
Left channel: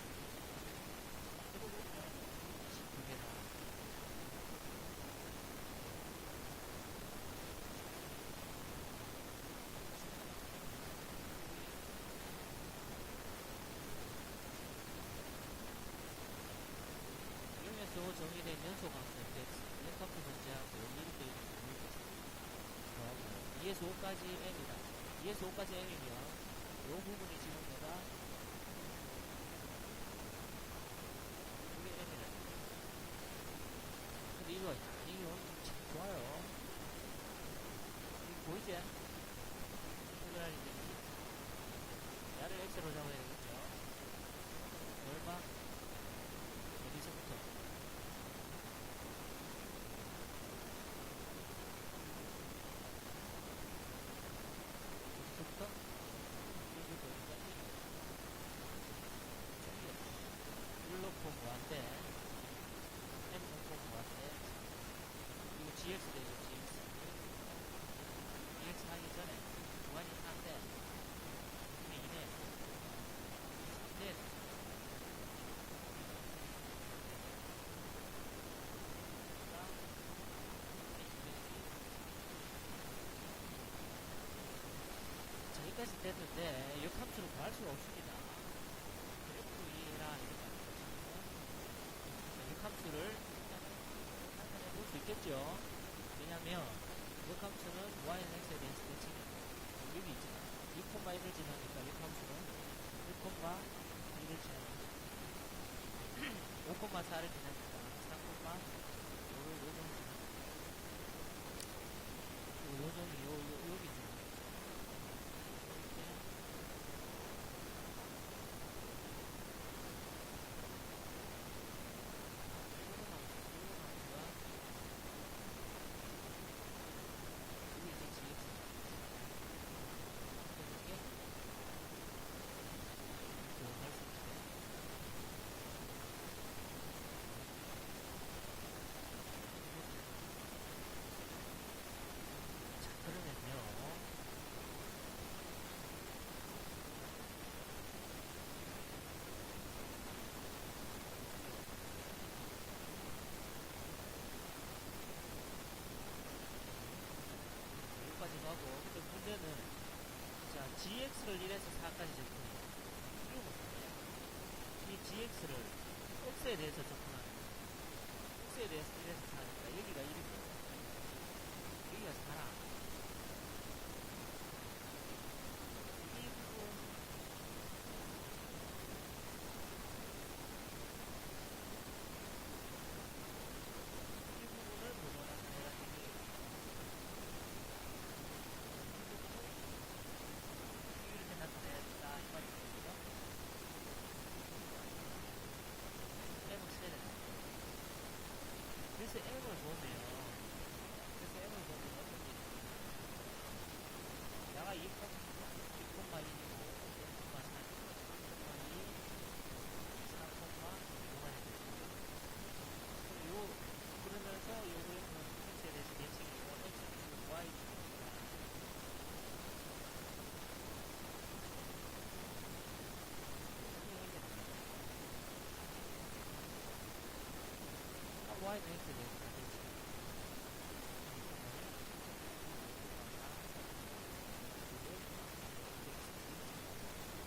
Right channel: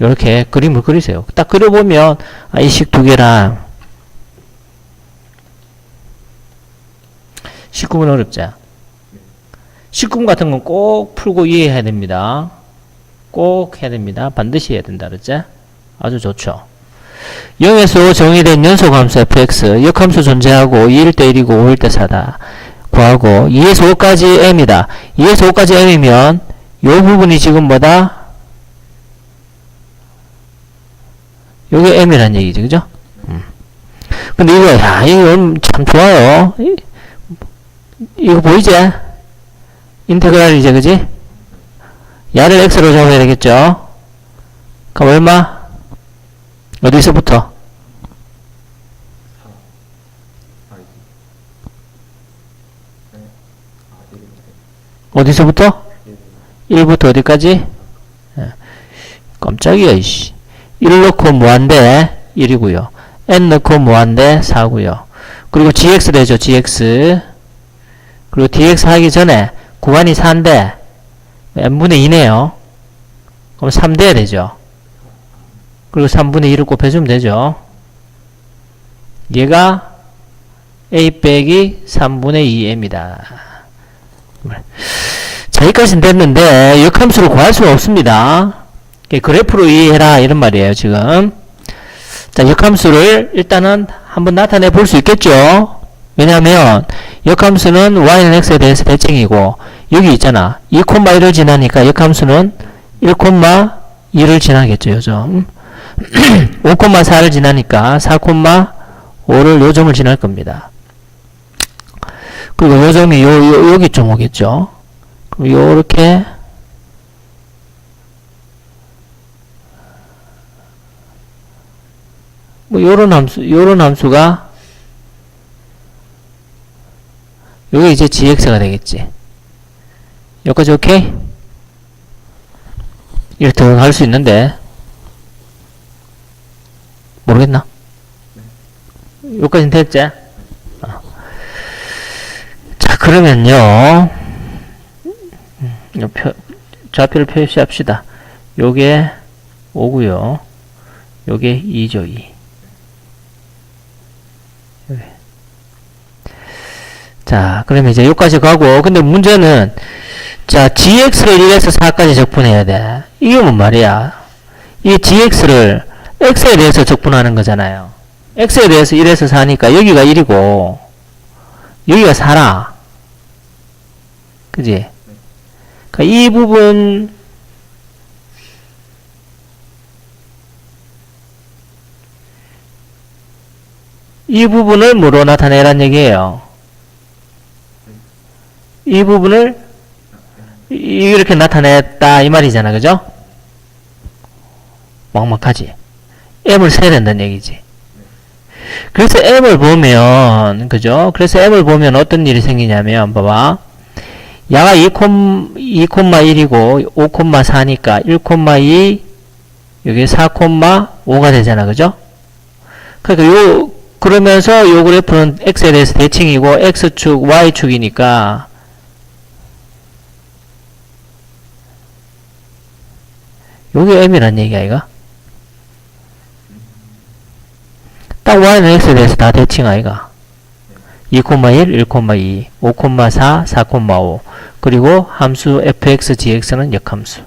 요렇게 그림을 그리세요. 딱 그려보면 이 식 두 개랑 19분 어렵죠? 19분 같은 건 꼭 풀고 이해해야 됩니다. 꼭 해야 됩니다. 반드시 해야 된다. 그랬죠? 아주 좋죠. 0에서 5 정의된 연소함수 fx 역함수 존재하고 2일 때 1이고 5일 때 4다 구하고 2에서 5까지 m이다. 2에서 5까지 m이면 요 부분이 지금 뭐다? 요게 m이란 얘기죠. 그죠? 근데 이거 이거 참 좋아요. 이거 보이지? 인테그랄이지, 그지? 야를 x로 잡아야 되겠죠? 그럼 얼마? 어디서부터? 어디서부터? 1부터 어디까지? 깜짝이야, 이씨. 1 넣고 무한대 1이고요. n 넣고 무한대 4고요. 그리고 gx 되죠, gx. 그리고 dx 하기 전에 구간이 4인데 n분의 2네요. 그럼 3 돼야 되죠. 그리고 3분의 2를 곱해주면 되죠. 얘가 a 빼기 3분의 2m이다. 자, 여기까지는 됐는데 역함수를 구할 수가 없습니다. 그래프로 이해해라 이런 말이에요, 지금. 자, 역함수를 일단은 한번 나타내 볼 수 있겠죠. 왜냐하면 역함수는 y는 x에 대해서 대칭이고 여기 있잖아. 2,1을 지나니까 역함수는 1,2를 지나겠죠, 요점. 5,4를 지나니까 4,5를 요점을 지날 겁니다. 그리고 요점이 여기쯤 오겠죠. 그럼 요렇게 뭐 요런 함수가 요게 이제 gx가 되겠지. 여기까지 오케이? 이렇게 더 할 수 있는데 모르겠나? 여기까지는 됐지? 자, 그러면요 좌표를 표시합시다. 요게 5구요. 요게 2죠, 2. 자, 그러면 이제 여기까지 가고, 근데 문제는, 자, gx를 1에서 4까지 적분해야 돼. 이게 뭔 말이야? 이 gx를 x에 대해서 적분하는 거잖아요. x에 대해서 1에서 4니까 여기가 1이고, 여기가 4라. 그지? 그러니까 이 부분, 이 부분을 뭐로 나타내란 얘기예요? 이 부분을 이렇게 나타냈다 이 말이잖아, 그죠? 막막하지? m을 세야 된다는 얘기지. 그래서 m을 보면, 그죠? 그래서 m을 보면 어떤 일이 생기냐면, 봐봐. 야가 2,1이고 5,4니까 1,2 여기 4,5가 되잖아, 그죠? 그러니까 그러면서 요 그래프는 x에 대해서 대칭이고 x축, y축이니까 요게 m이란 얘기야, 이거. 딱 y는 x에 대해서 다 대칭 아이가. 2,1, 1,2, 5,4, 4,5 그리고 함수 fx, gx는 역함수.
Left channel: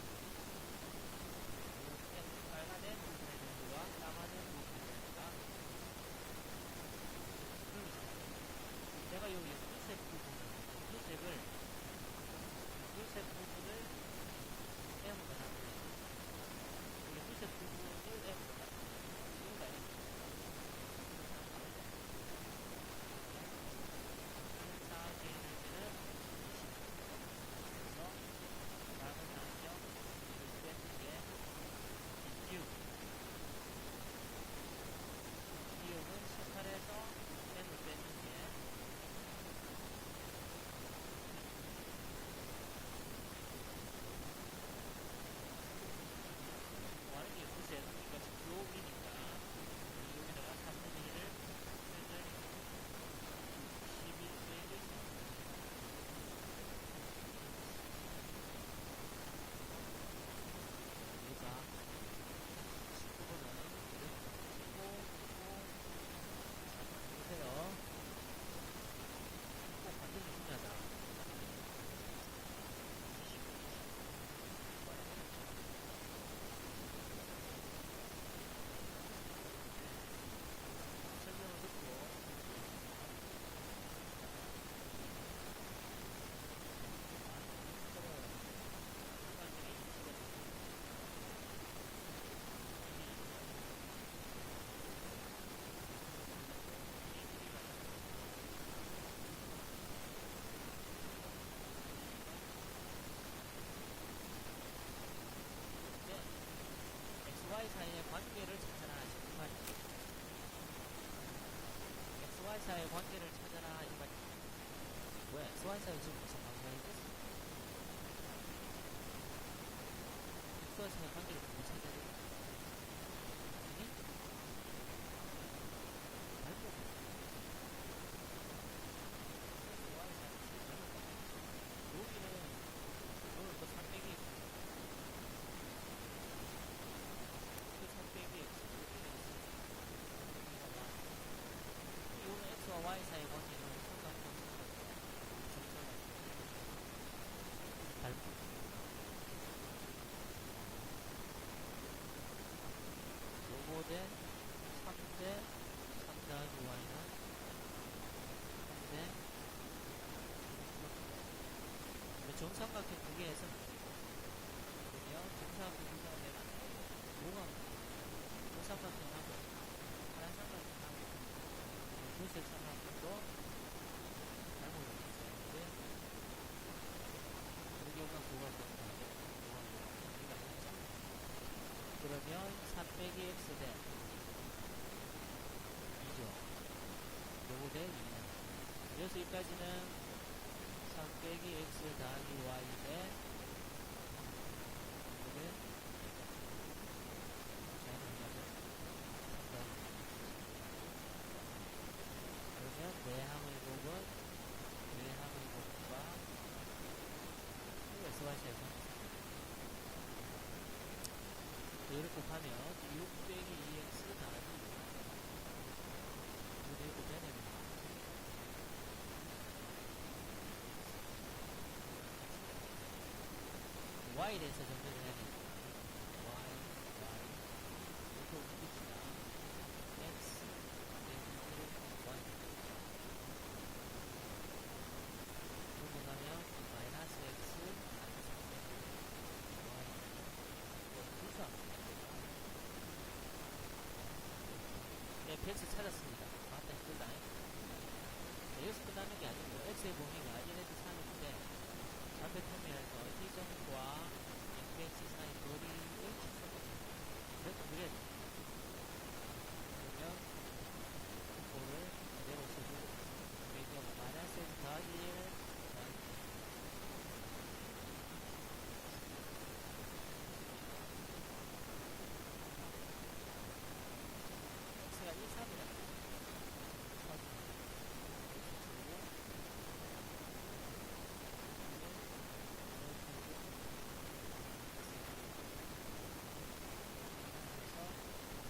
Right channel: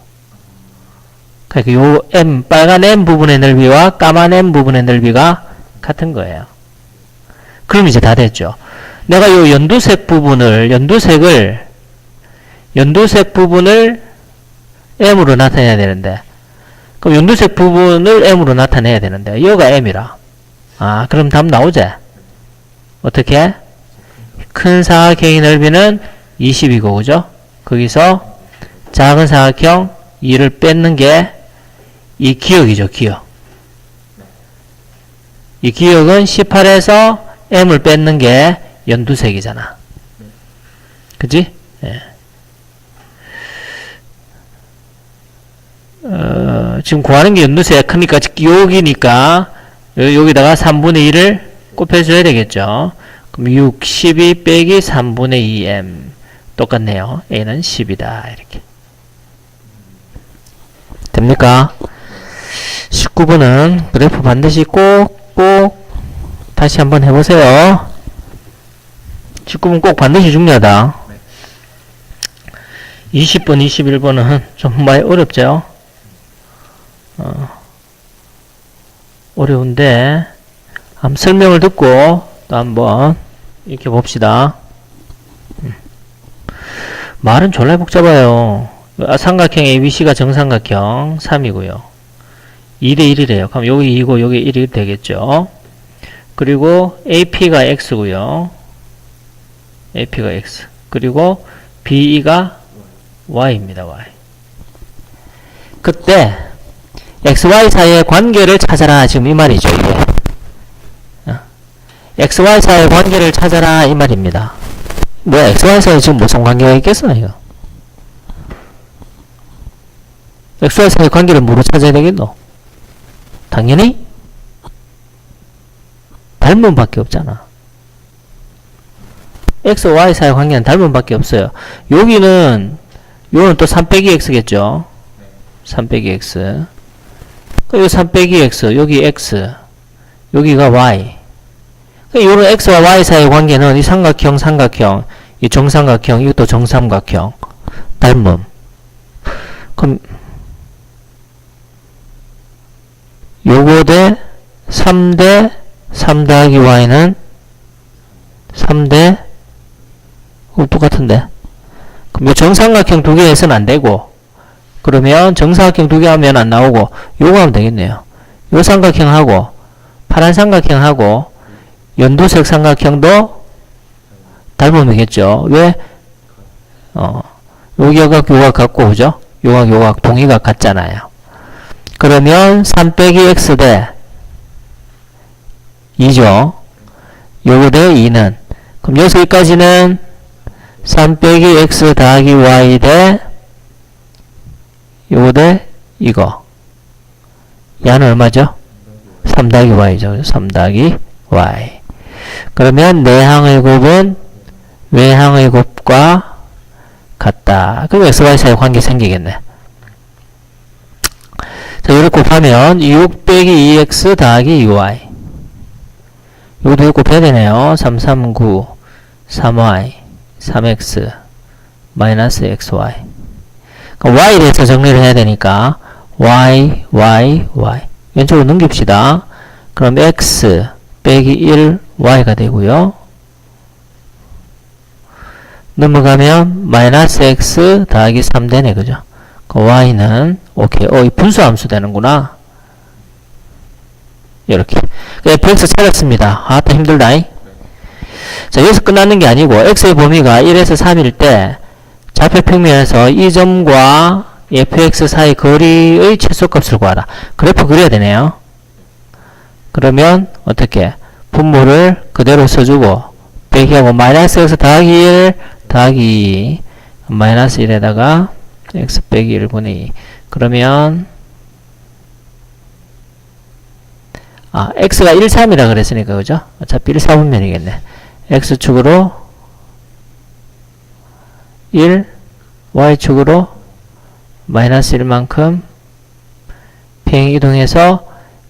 그러니까 요 m, 빨간 m 부분의 넓이와 까만 m 부분의 넓이가 같은 거예요. 그럼 이제 다 됐죠. 내가 요 연두색 부분을 m으로 나타내야 되는데, 그럼 연두색 부분을 m으로 나타내야 되는데, 여가 m이라. 아, 그럼 답 나오지? 어떻게? 큰 사각형의 넓이는 20이고, 그죠? 거기서 작은 사각형 2를 뺏는 게 이 기역이죠, 기역. 이 기역은 18에서 m을 뺏는 게 연두색이잖아. 그치? 예. 지금 구하는 게 연두색 크니까 여기니까 여기다가 3분의 2를 곱해줘야 되겠죠. 그럼 6, 12 빼기 3분의 2m 똑같네요. a는 10이다. 이렇게 됩니까? 19번은 그래프 반드시 꼭 다시 한번 해보세요. 19번 꼭 반드시 중요하다. 20번, 21번은 좀 많이 어렵죠? 어려운데 한번 설명을 듣고 또 한번 이렇게 봅시다. 말은 졸라 복잡해요. 삼각형 ABC가 정삼각형 3이고요. 2대1이래요. 그럼 여기 2고 여기 1이 되겠죠. 그리고 AP가 X고요. AP가 X. 그리고 BE가 Y입니다. Y. 그때 XY 사이의 관계를 찾아라. 지금 이 말이죠. 이게. XY 사이의 관계를 찾아라. 이 말입니다. 뭐야, XY 사이에 지금 무슨 관계가 있겠어, 이거? XY 사이의 관계를 뭐로 찾아야 되겠노? 당연히 닮은 밖에 없잖아. X, Y 사이의 관계는 닮은 밖에 없어요. 여기는 요는 또 3 빼기 X겠죠? 3 빼기 X. 여기 3 빼기 X, 여기 X, 여기가 Y. 요런 X와 Y 사이의 관계는 이 삼각형, 이 정삼각형, 이것도 정삼각형. 닮음. 그럼 요거 대 3대 3 더하기 Y는 3대 똑같은데. 그럼 요 정삼각형 두 개 해서는 안 되고, 그러면 정사각형 두 개 하면 안 나오고 요거 하면 되겠네요. 요 삼각형하고 파란 삼각형하고 연두색 삼각형도 닮으면겠죠. 왜? 요각 요각 같고, 그죠? 요각 동의각 같잖아요. 그러면 3 빼기 X 대 2죠. 요거 대 2는, 그럼 여기서 여기까지는 3 빼기 X 더하기 Y 대 요거 대 이거. 야는 얼마죠? 3 더하기 Y죠. 3 더하기 Y. 그러면 내항의 곱은 외항의 곱과 같다. 그럼 XY 사이 관계 생기겠네. 자, 이렇게 곱하면 6 빼기 2X 더하기 2Y. 요것도 곱해야 되네요. 3, 3, 9, 3Y, 3X, 마이너스 XY. 그럼 Y에 대해서 정리를 해야 되니까 Y, Y, Y. 왼쪽으로 넘깁시다. 그럼 X 빼기 1, Y가 되고요. 넘어가면 마이너스 X 더하기 3 되네, 그죠? 그 Y는 오케이. 이 분수함수 되는구나. 이렇게. fx 찾았습니다. 또 힘들다잉. 자, 여기서 끝나는 게 아니고 x의 범위가 1에서 3일 때 좌표 평면에서 이 점과 fx 사이 거리의 최소값을 구하라. 그래프 그려야 되네요. 그러면 어떻게? 분모를 그대로 써주고 빼기하고 마이너스 x 더하기 1 더하기 2 마이너스 1에다가 x 빼기 1분의 2. 그러면 x가 1, 3이라 그랬으니까, 그죠? 어차피 1, 4분면이겠네. x축으로 1, y축으로 마이너스 1만큼 평행 이동해서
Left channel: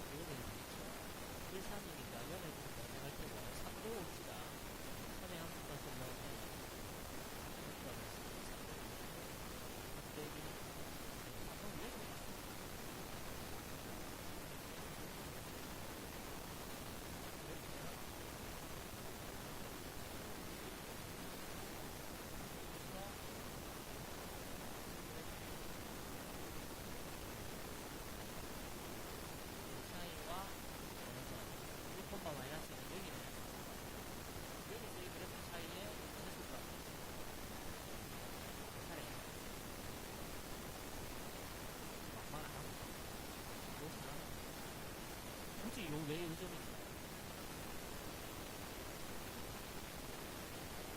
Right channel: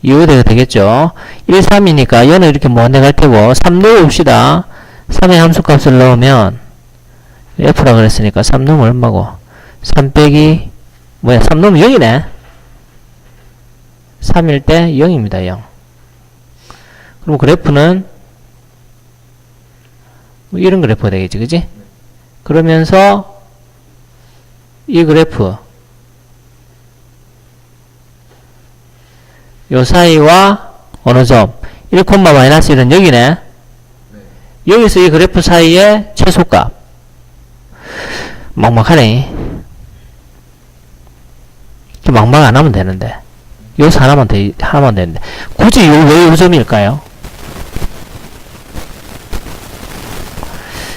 2호대가 되겠죠. 1, 3이니까 얘는 이렇게 먼데 갈 테고 3 넣어봅시다. 3의 함수값을 넣으면 f라 그랬으니까 3 넣으면 얼마고? 3 빼기 3 넣으면 0이네. 3일 때 0입니다. 0. 그럼 그래프는 이런 그래프가 되겠지, 그지? 그러면서 이 그래프 요 사이와 어느 점 1, 마이너스 1은 여기네. 여기서 이 그래프 사이의 최소값. 막막하네. 막막 안 하면 되는데. 여기서 하나만 되는데. 굳이 왜 요점일까요?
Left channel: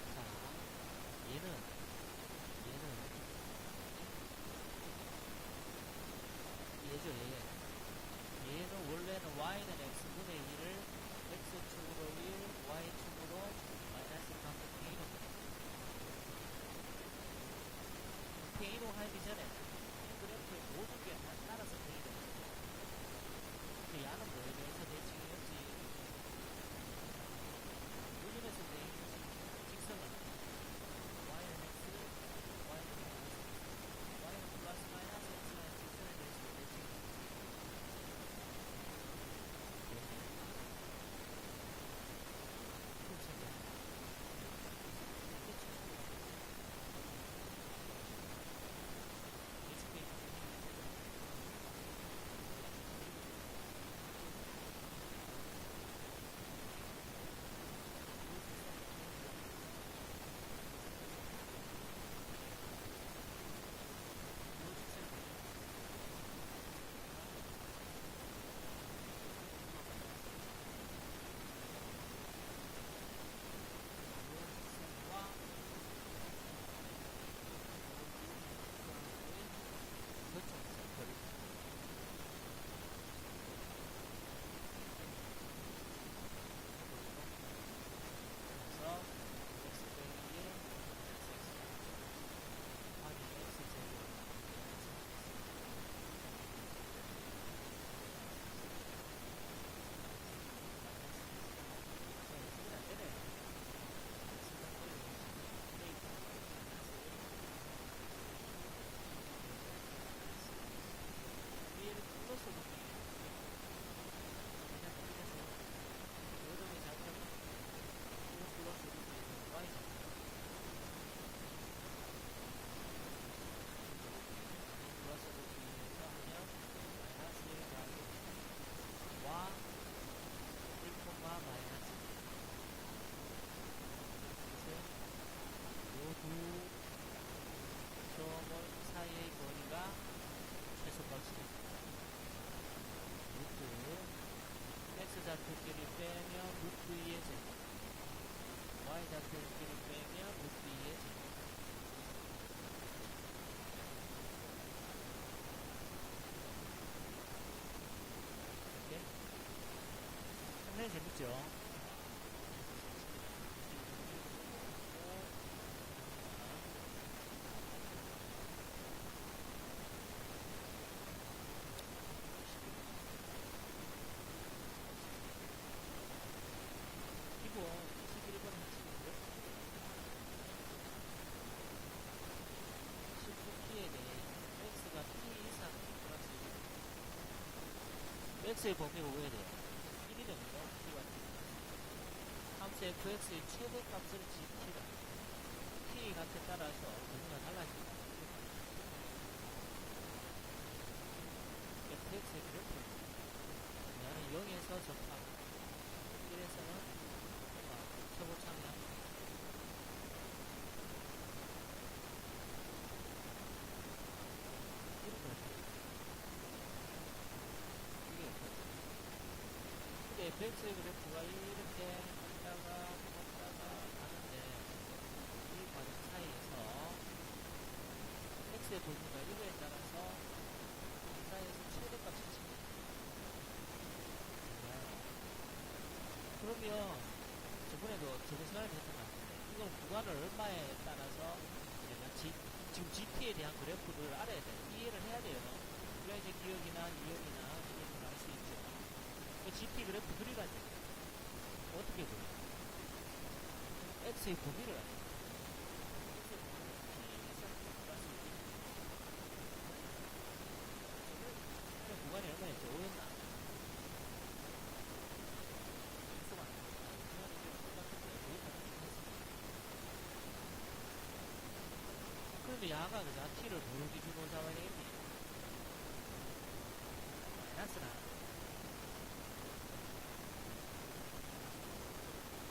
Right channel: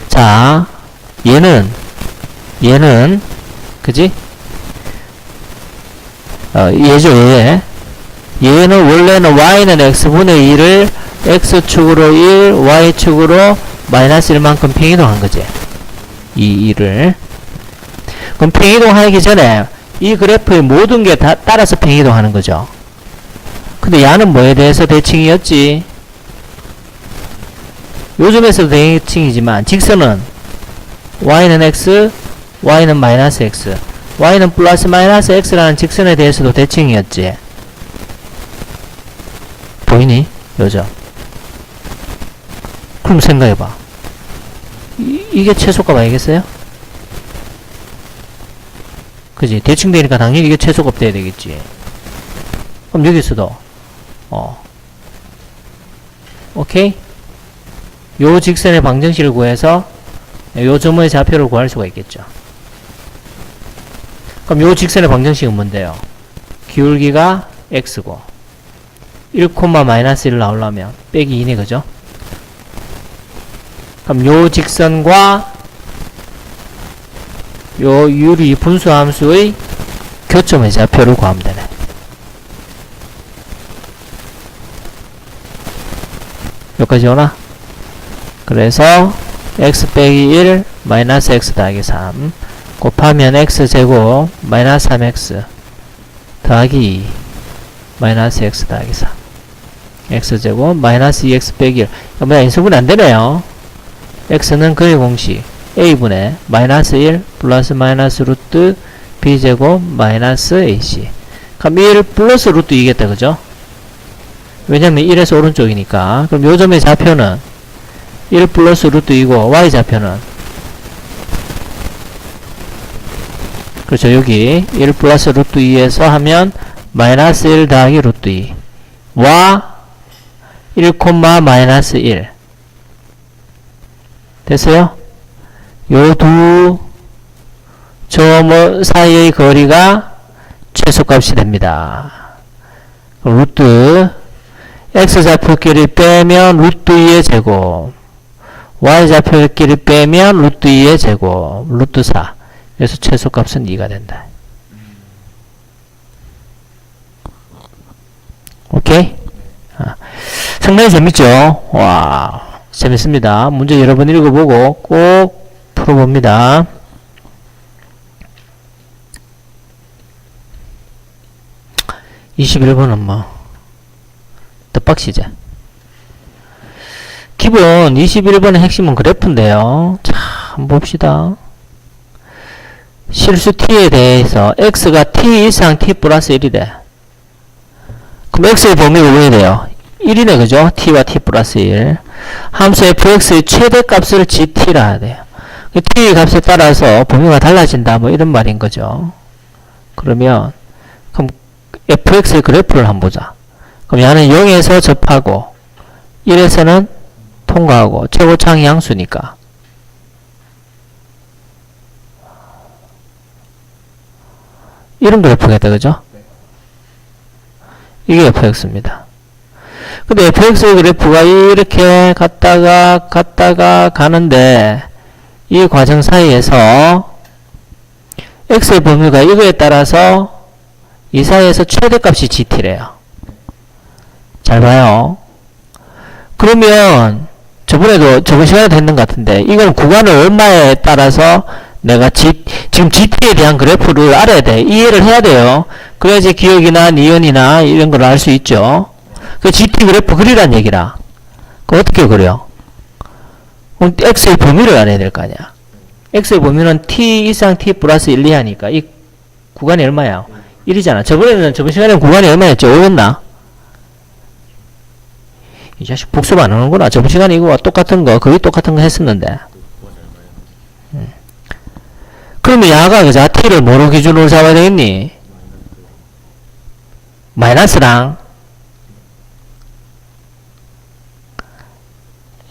자, 얘는, 그지? 얘죠, 얘. 얘는 원래는 y는 x분의 2를 x축으로 1, y축으로 마이너스 1만큼 평이동한 거지. 이 2를. 그럼 평이동하기 전에 이 그래프의 모든 게 다 따라서 평이동하는 거죠. 근데 야는 뭐에 대해서 대칭이었지? 요즘에서도 대칭이지만 직선은 y는 x, y는 마이너스 x, y는 플러스 마이너스 x라는 직선에 대해서도 대칭이었지. 보이니? 요점. 그럼 생각해봐. 이게 최소값 아니겠어요? 그지? 대칭 되니까 당연히 이게 최소값 돼야 되겠지. 그럼 여기서도, 오케이? 요 직선의 방정식을 구해서 요 점의 좌표를 구할 수가 있겠죠. 그럼 요 직선의 방정식은 뭔데요? 기울기가 x고 1, 마이너스 1 나오려면 빼기 2네, 그죠? 그럼 요 직선과 요 유리 분수함수의 교점의 좌표를 구하면 되네. 여기까지 오나? 그래서 x 빼기 1 마이너스 x 더하기 3 곱하면 x제곱 마이너스 3x 더하기 2 마이너스 x 더하기 3 x제곱 마이너스 2x 빼기 1 뭐야, 인수분해 안되네요. x는 그의 공식 a분의 마이너스 1 플러스 마이너스 루트 b제곱 마이너스 ac. 그럼 1 플러스 루트 2겠다, 그죠? 왜냐면 1에서 오른쪽이니까. 그럼 요 점의 좌표는 1 플러스 루트 2고 y좌표는 그렇죠, 여기 1 플러스 루트 2에서 하면 마이너스 1 더하기 루트 2 와 1, 마이너스 1 됐어요? 요 두 점 사이의 거리가 최소값이 됩니다. 루트 x좌표끼리 빼면 루트 2의 제곱 y좌표끼리 빼면 루트 2의 제곱 루트 4. 그래서 최소값은 2가 된다. 오케이? 상당히 재밌죠? 와, 재밌습니다. 문제 여러 번 읽어보고 꼭 풀어봅니다. (21번은) 뭐 뜻박시제. 기본 21번의 핵심은 그래프인데요. 자, 한번 봅시다. 실수 t에 대해서 x가 t 이상 t 플러스 1이래. 그럼 x의 범위가 왜 돼요? 1이네, 그죠? t와 t 플러스 1. 함수 fx의 최대값을 gt라 해야 돼요. t 값에 따라서 범위가 달라진다, 뭐 이런 말인 거죠. 그러면 그럼 fx의 그래프를 한번 보자. 그럼 얘는 0에서 접하고 1에서는 통과하고 최고창이 양수니까 이런 그래프겠다, 그죠? 이게 fx입니다. 근데 fx의 그래프가 이렇게 갔다가 가는데 이 과정 사이에서 x의 범위가 이거에 따라서 이 사이에서 최대값이 gt래요. 잘 봐요. 그러면 저번 시간에도 했는 것 같은데 이건 구간을 얼마에 따라서 내가 지금 gt에 대한 그래프를 알아야 돼. 이해를 해야 돼요. 그래야지 기억이나 니은이나 이런 걸 알 수 있죠. 그 gt 그래프 그리란 얘기라. 그 어떻게 그려? 그럼 x의 범위를 알아야 될 거 아니야. x의 범위는 t 이상 t 플러스 1, 2 하니까 이 구간이 얼마야? 1이잖아. 저번 시간에는 구간이 얼마였죠? 5였나? 이 자식 복습 안 하는구나. 저번 시간에 이거와 똑같은 거, 거의 똑같은 거 했었는데. 그러면 야가 그자 t를 뭐로 기준으로 잡아야 되겠니? 마이너스랑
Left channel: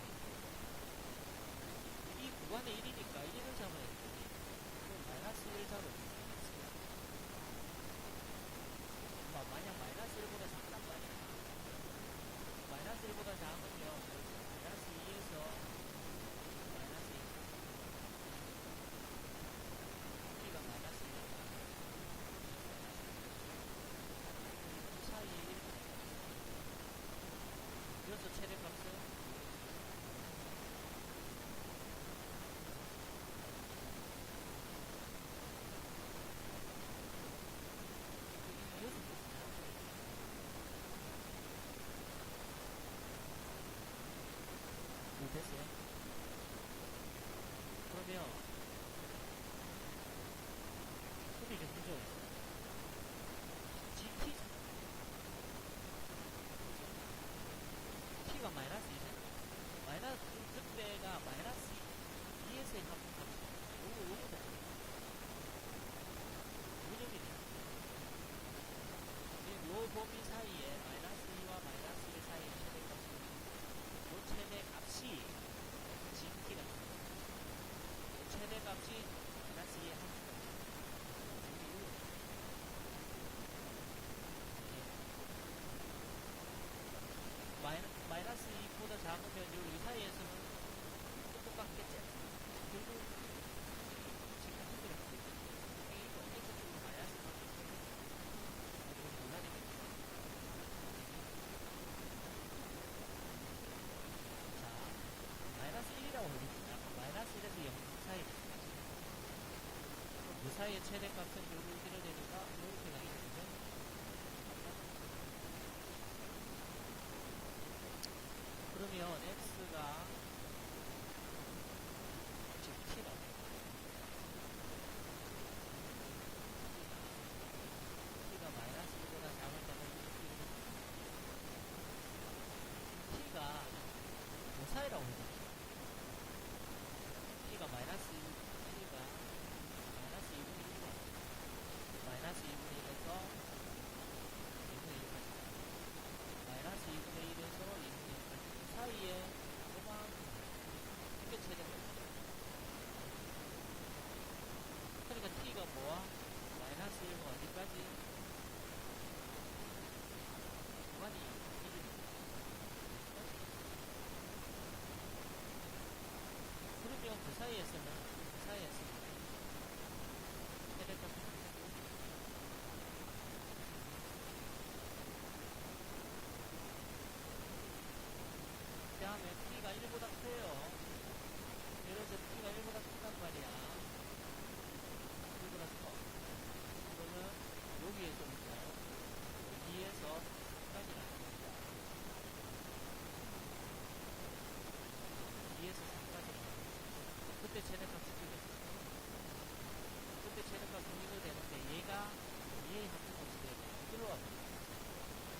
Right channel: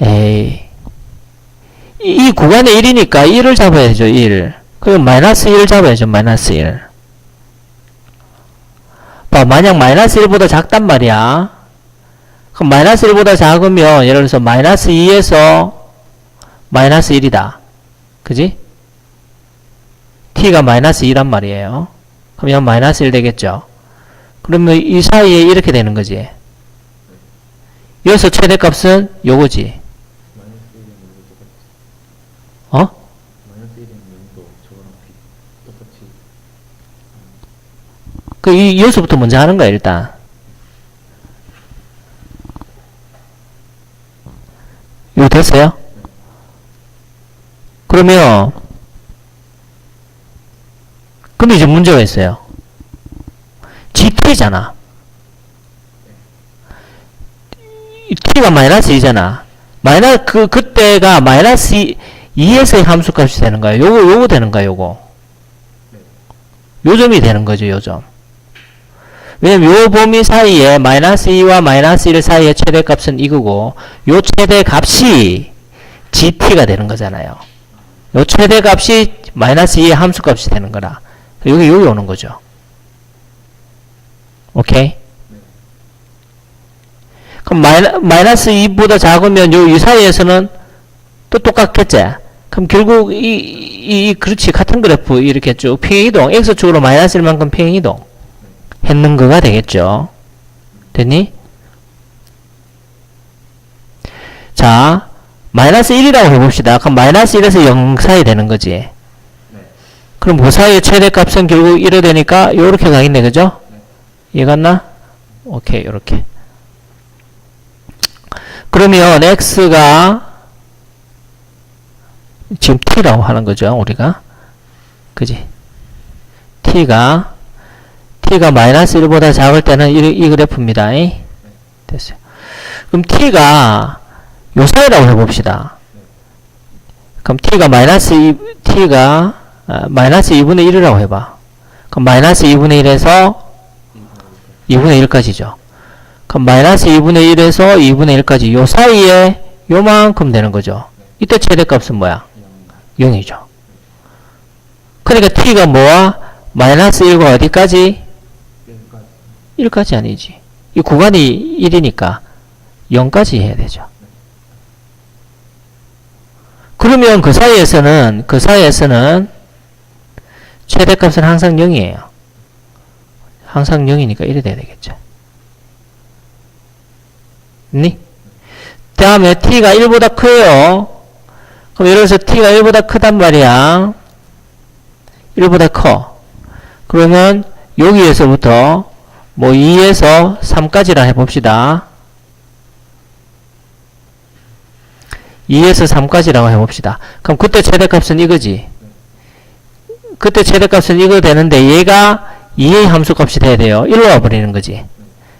에이 이 구간에 1이니까 1을 잡아야죠. 1. 그럼 마이너스 1 잡아야죠. 마이너스 1. 봐, 만약 마이너스 1보다 작단 말이야. 그럼 마이너스 1보다 작으면 예를 들어서 마이너스 2에서 마이너스 1이다. 그지? t가 마이너스 2란 말이에요. 그럼 이건 마이너스 1 되겠죠. 그러면 이 사이에 이렇게 되는 거지. 여기서 최대값은 요거지. 어? 여기서부터 먼저 하는 거야, 일단. 이거 됐어요? 그러면, 근데 이제 문제가 있어요. gt잖아. t가 마이너스 2잖아. 그때가 마이너스 2에서의 함수값이 되는 거야. 요거 되는 거야, 요거. 요점이 되는 거죠, 요점. 왜냐면 요 범위 사이에 마이너스 2와 마이너스 1 사이의 최대값은 이거고, 요 최대값이 GT가 되는 거잖아요. 요 최대값이 마이너스 2의 함수값이 되는 거라. 여기 오는 거죠. 오케이? 그럼 마이너스 2보다 작으면 이 사이에서는 또 똑같겠지? 그럼 결국 그렇지. 같은 그래프 이렇게 쭉 평행이동, x축으로 마이너스 1만큼 평행이동 했는 거가 되겠죠. 됐니? 자, 마이너스 1이라고 해봅시다. 그럼 마이너스 1에서 0 사이 되는 거지. 그럼 그 사이의 최대값은 결국 1이 되니까 요렇게 가겠네. 그죠? 이해갔나? 오케이, 요렇게. 그러면 x가 지금 t라고 하는 거죠, 우리가. 그지? t가 마이너스 1보다 작을 때는 이 그래프입니다. 됐어요. 그럼 t가 요 사이라고 해봅시다. 그럼 마이너스 2분의 1이라고 해봐. 그럼 마이너스 2분의 1에서 2분의 1까지죠. 그럼 마이너스 2분의 1에서 2분의 1까지 요 사이에 요만큼 되는 거죠. 이때 최대값은 뭐야? 0이죠. 그러니까 t가 뭐야? 마이너스 1과 어디까지? 1까지 아니지. 이 구간이 1이니까 0까지 해야 되죠. 그러면 그 사이에서는 최대값은 항상 0이에요. 항상 0이니까 1이 돼야 되겠죠. 니? 다음에 t가 1보다 커요. 그럼 예를 들어서 t가 1보다 크단 말이야. 1보다 커. 그러면 여기에서부터 뭐 2에서 3까지라 해봅시다. 2에서 3까지라고 해봅시다. 그럼 그때 최대값은 이거지. 그때 최대값은 이거 되는데 얘가 2의 함수값이 돼야 돼요. 1로 와버리는 거지.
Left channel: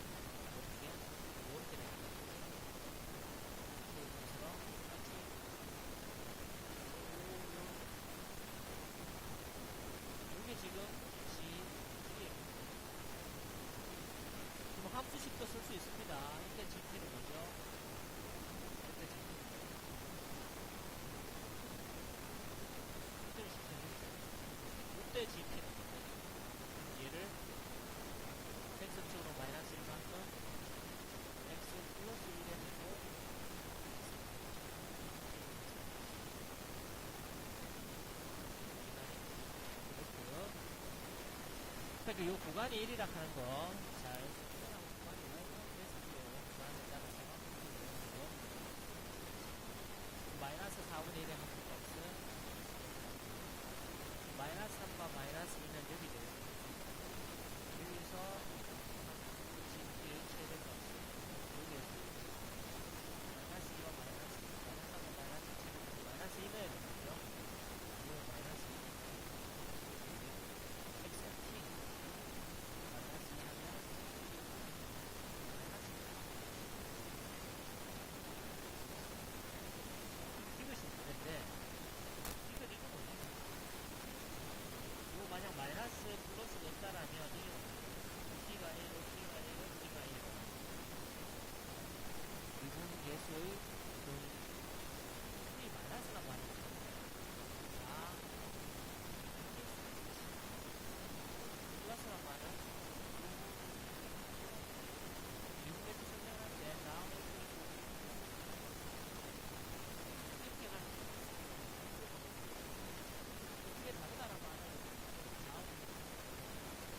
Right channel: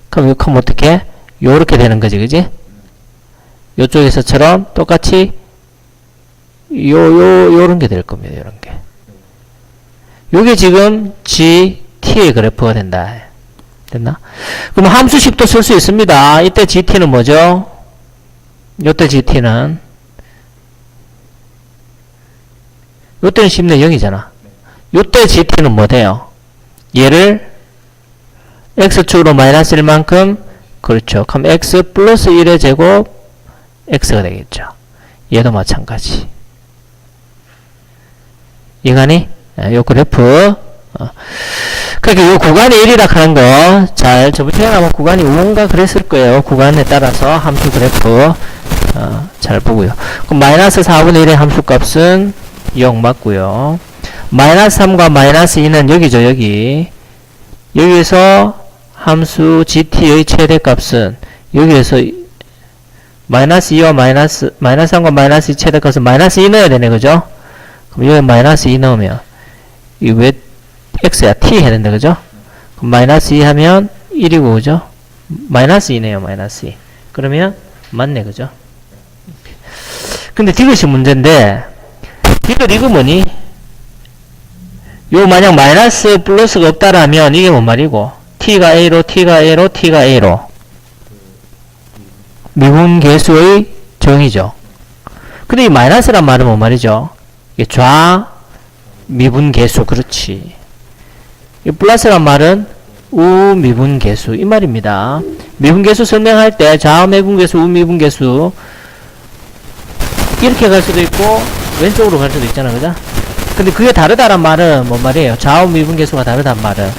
그럼 이거 어떻게? 요렇게 되는 거지, 그지? 요쪽에서처럼 똑같이 요런 게 될 겁니다. 요런 게. 요게 지금 GT의 그래프가 된다. 됐나? 그럼 함수식도 쓸 수 있습니다. 이때 GT는 뭐죠? 요때 GT는 요때는 쉽네. 0이잖아. 요때 GT는 뭐 돼요? 얘를 x축으로 마이너스 1만큼, 그렇죠. 그럼 x 플러스 1의 제곱 x가 되겠죠. 얘도 마찬가지. 이해가니? 요 그래프. 그러니까 요 구간이 1이라 하는 거, 저번 시간에 아마 구간이 5인가 그랬을 거예요. 구간에 따라서 함수 그래프, 잘 보고요. 그럼 마이너스 4분의 1의 함수값은 0 맞고요. 마이너스 3과 마이너스 2는 여기죠, 여기. 여기에서 함수 gt의 최대값은 여기에서 마이너스 2와 마이너스 3과 마이너스 2 최대값은 마이너스 2 넣어야 되네, 그죠? 그럼 여기 마이너스 2 넣으면 이 왜 x야? t 해야 된다, 그죠? 그럼 마이너스 2 하면 1이고, 그죠? 마이너스 2네요, 마이너스 2. 그러면 맞네, 그죠? 근데 이것이 문제인데, 이거 뭐니? 요 만약 마이너스 플러스가 없다라면 이게 뭔 말이고? t가 a로 미분 계수의 정의죠. 근데 이 마이너스란 말은 뭔 말이죠? 이게 좌 미분 계수, 그렇지. 이 플러스란 말은 우 미분 계수, 이 말입니다. 미분 계수 설명할 때 좌 미분 계수, 우 미분 계수 이렇게 갈 수도 있고 왼쪽으로 갈 수도 있잖아, 그죠? 근데 그게 다르다란 말은 뭔 말이에요? 좌우 미분 계수가 다르단 말은,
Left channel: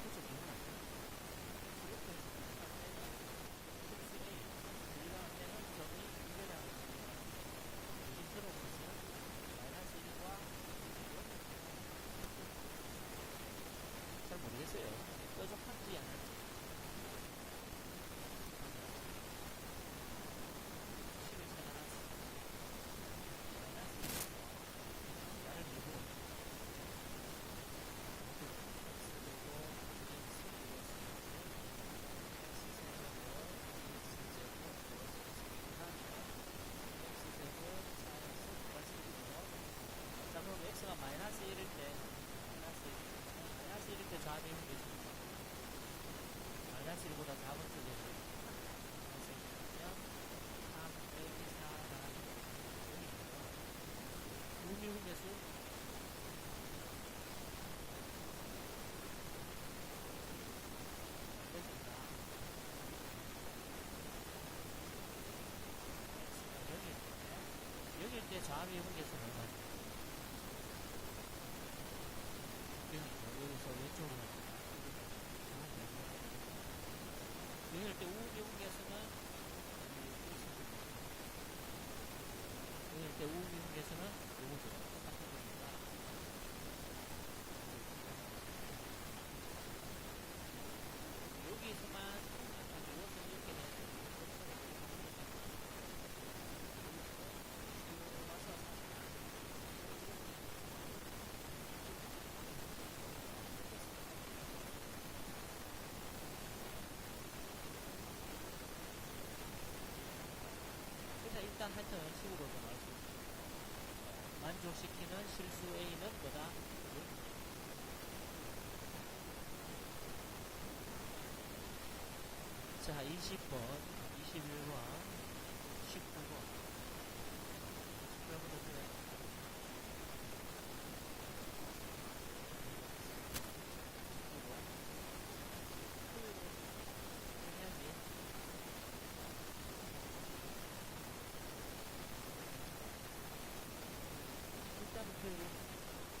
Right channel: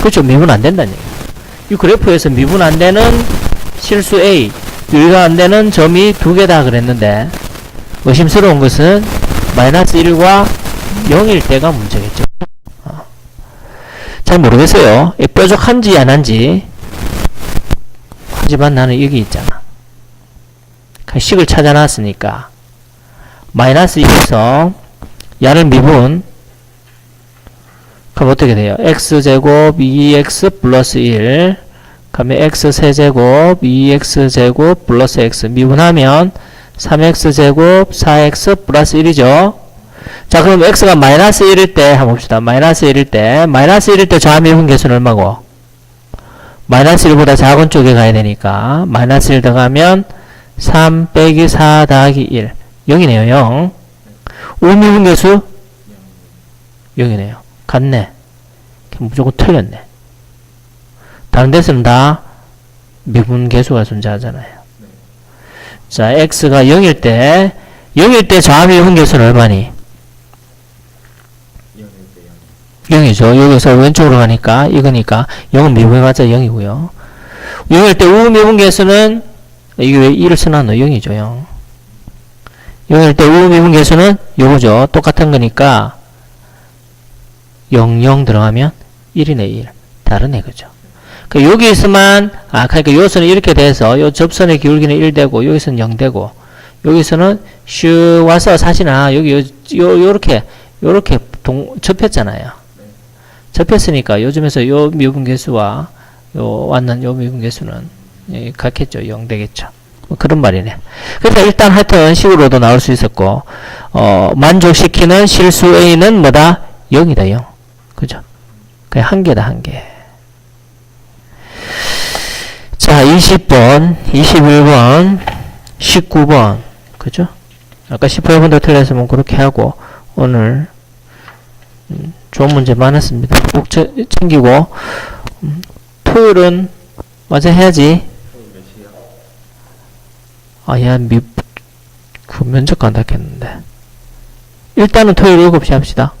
그렇죠, 미분 안 된다는 얘기예요. 이 그래프에서 미분 안 되는 실수 A, 유의가 안 되는 점이 2개다 그랬는데, 의심스러운 것은 마이너스 1과 0일 때가 문제겠죠. 잘 모르겠어요. 뾰족한지 안 한지. 하지만 나는 여기 있잖아. 식을 찾아놨으니까 마이너스 2에서 야를 미분, 그럼 어떻게 돼요? x제곱 2x 플러스 1, 그러면 x 세제곱 2x제곱 플러스 x 미분하면 3x제곱 4x 플러스 1이죠. 자, 그럼 x가 마이너스 1일 때 한번 봅시다. 마이너스 1일 때 좌미분 계수는 얼마고? 마이너스 1보다 작은 쪽에 가야 되니까 마이너스 1 들어가면 3 빼기 4 더하기 1 0이네요. 0. 우미분 계수 0이네요. 같네. 무조건 틀렸네. 다른 데서는 다 미분 계수가 존재하잖아요. 자, x가 0일 때 좌미분 계수는 얼마니? 0이죠. 여기서 왼쪽으로 가니까 이거니까 0은 미분해봤자 0이고요. 0일 때 우미분 계수는 이게 왜 1을 써놨노? 0이죠. 0. 0일 때 우미분 계수는 요거죠. 똑같은 거니까 0, 0 들어가면 1이네 1. 다르네 그죠? 여기서만 그러니까 요선은 이렇게 돼서 요 접선의 기울기는 1 되고 여기서는 0 되고 여기서는 슉 와서 사실은 여기 요렇게 접혔잖아요. 접혔으니까 요즘에서 요 미분 계수와 요 왔는 요 미분 계수는 같겠죠. 0 되겠죠. 뭐 그런 말이네. 그래서 일단 하여튼 식으로도 나올 수 있었고 만족시키는 실수 A는 뭐다? 0이다. 0. 그죠? 그냥 한 개다. 한 개. 자, 20번, 21번, 19번. 그죠? 아까 18번도 틀렸으면 그렇게 하고 오늘 좋은 문제 많았습니다. 꼭 챙기고 토요일은 맞아 해야지. 야, 그 면접 간다 했는데 일단은 토요일 7시 합시다.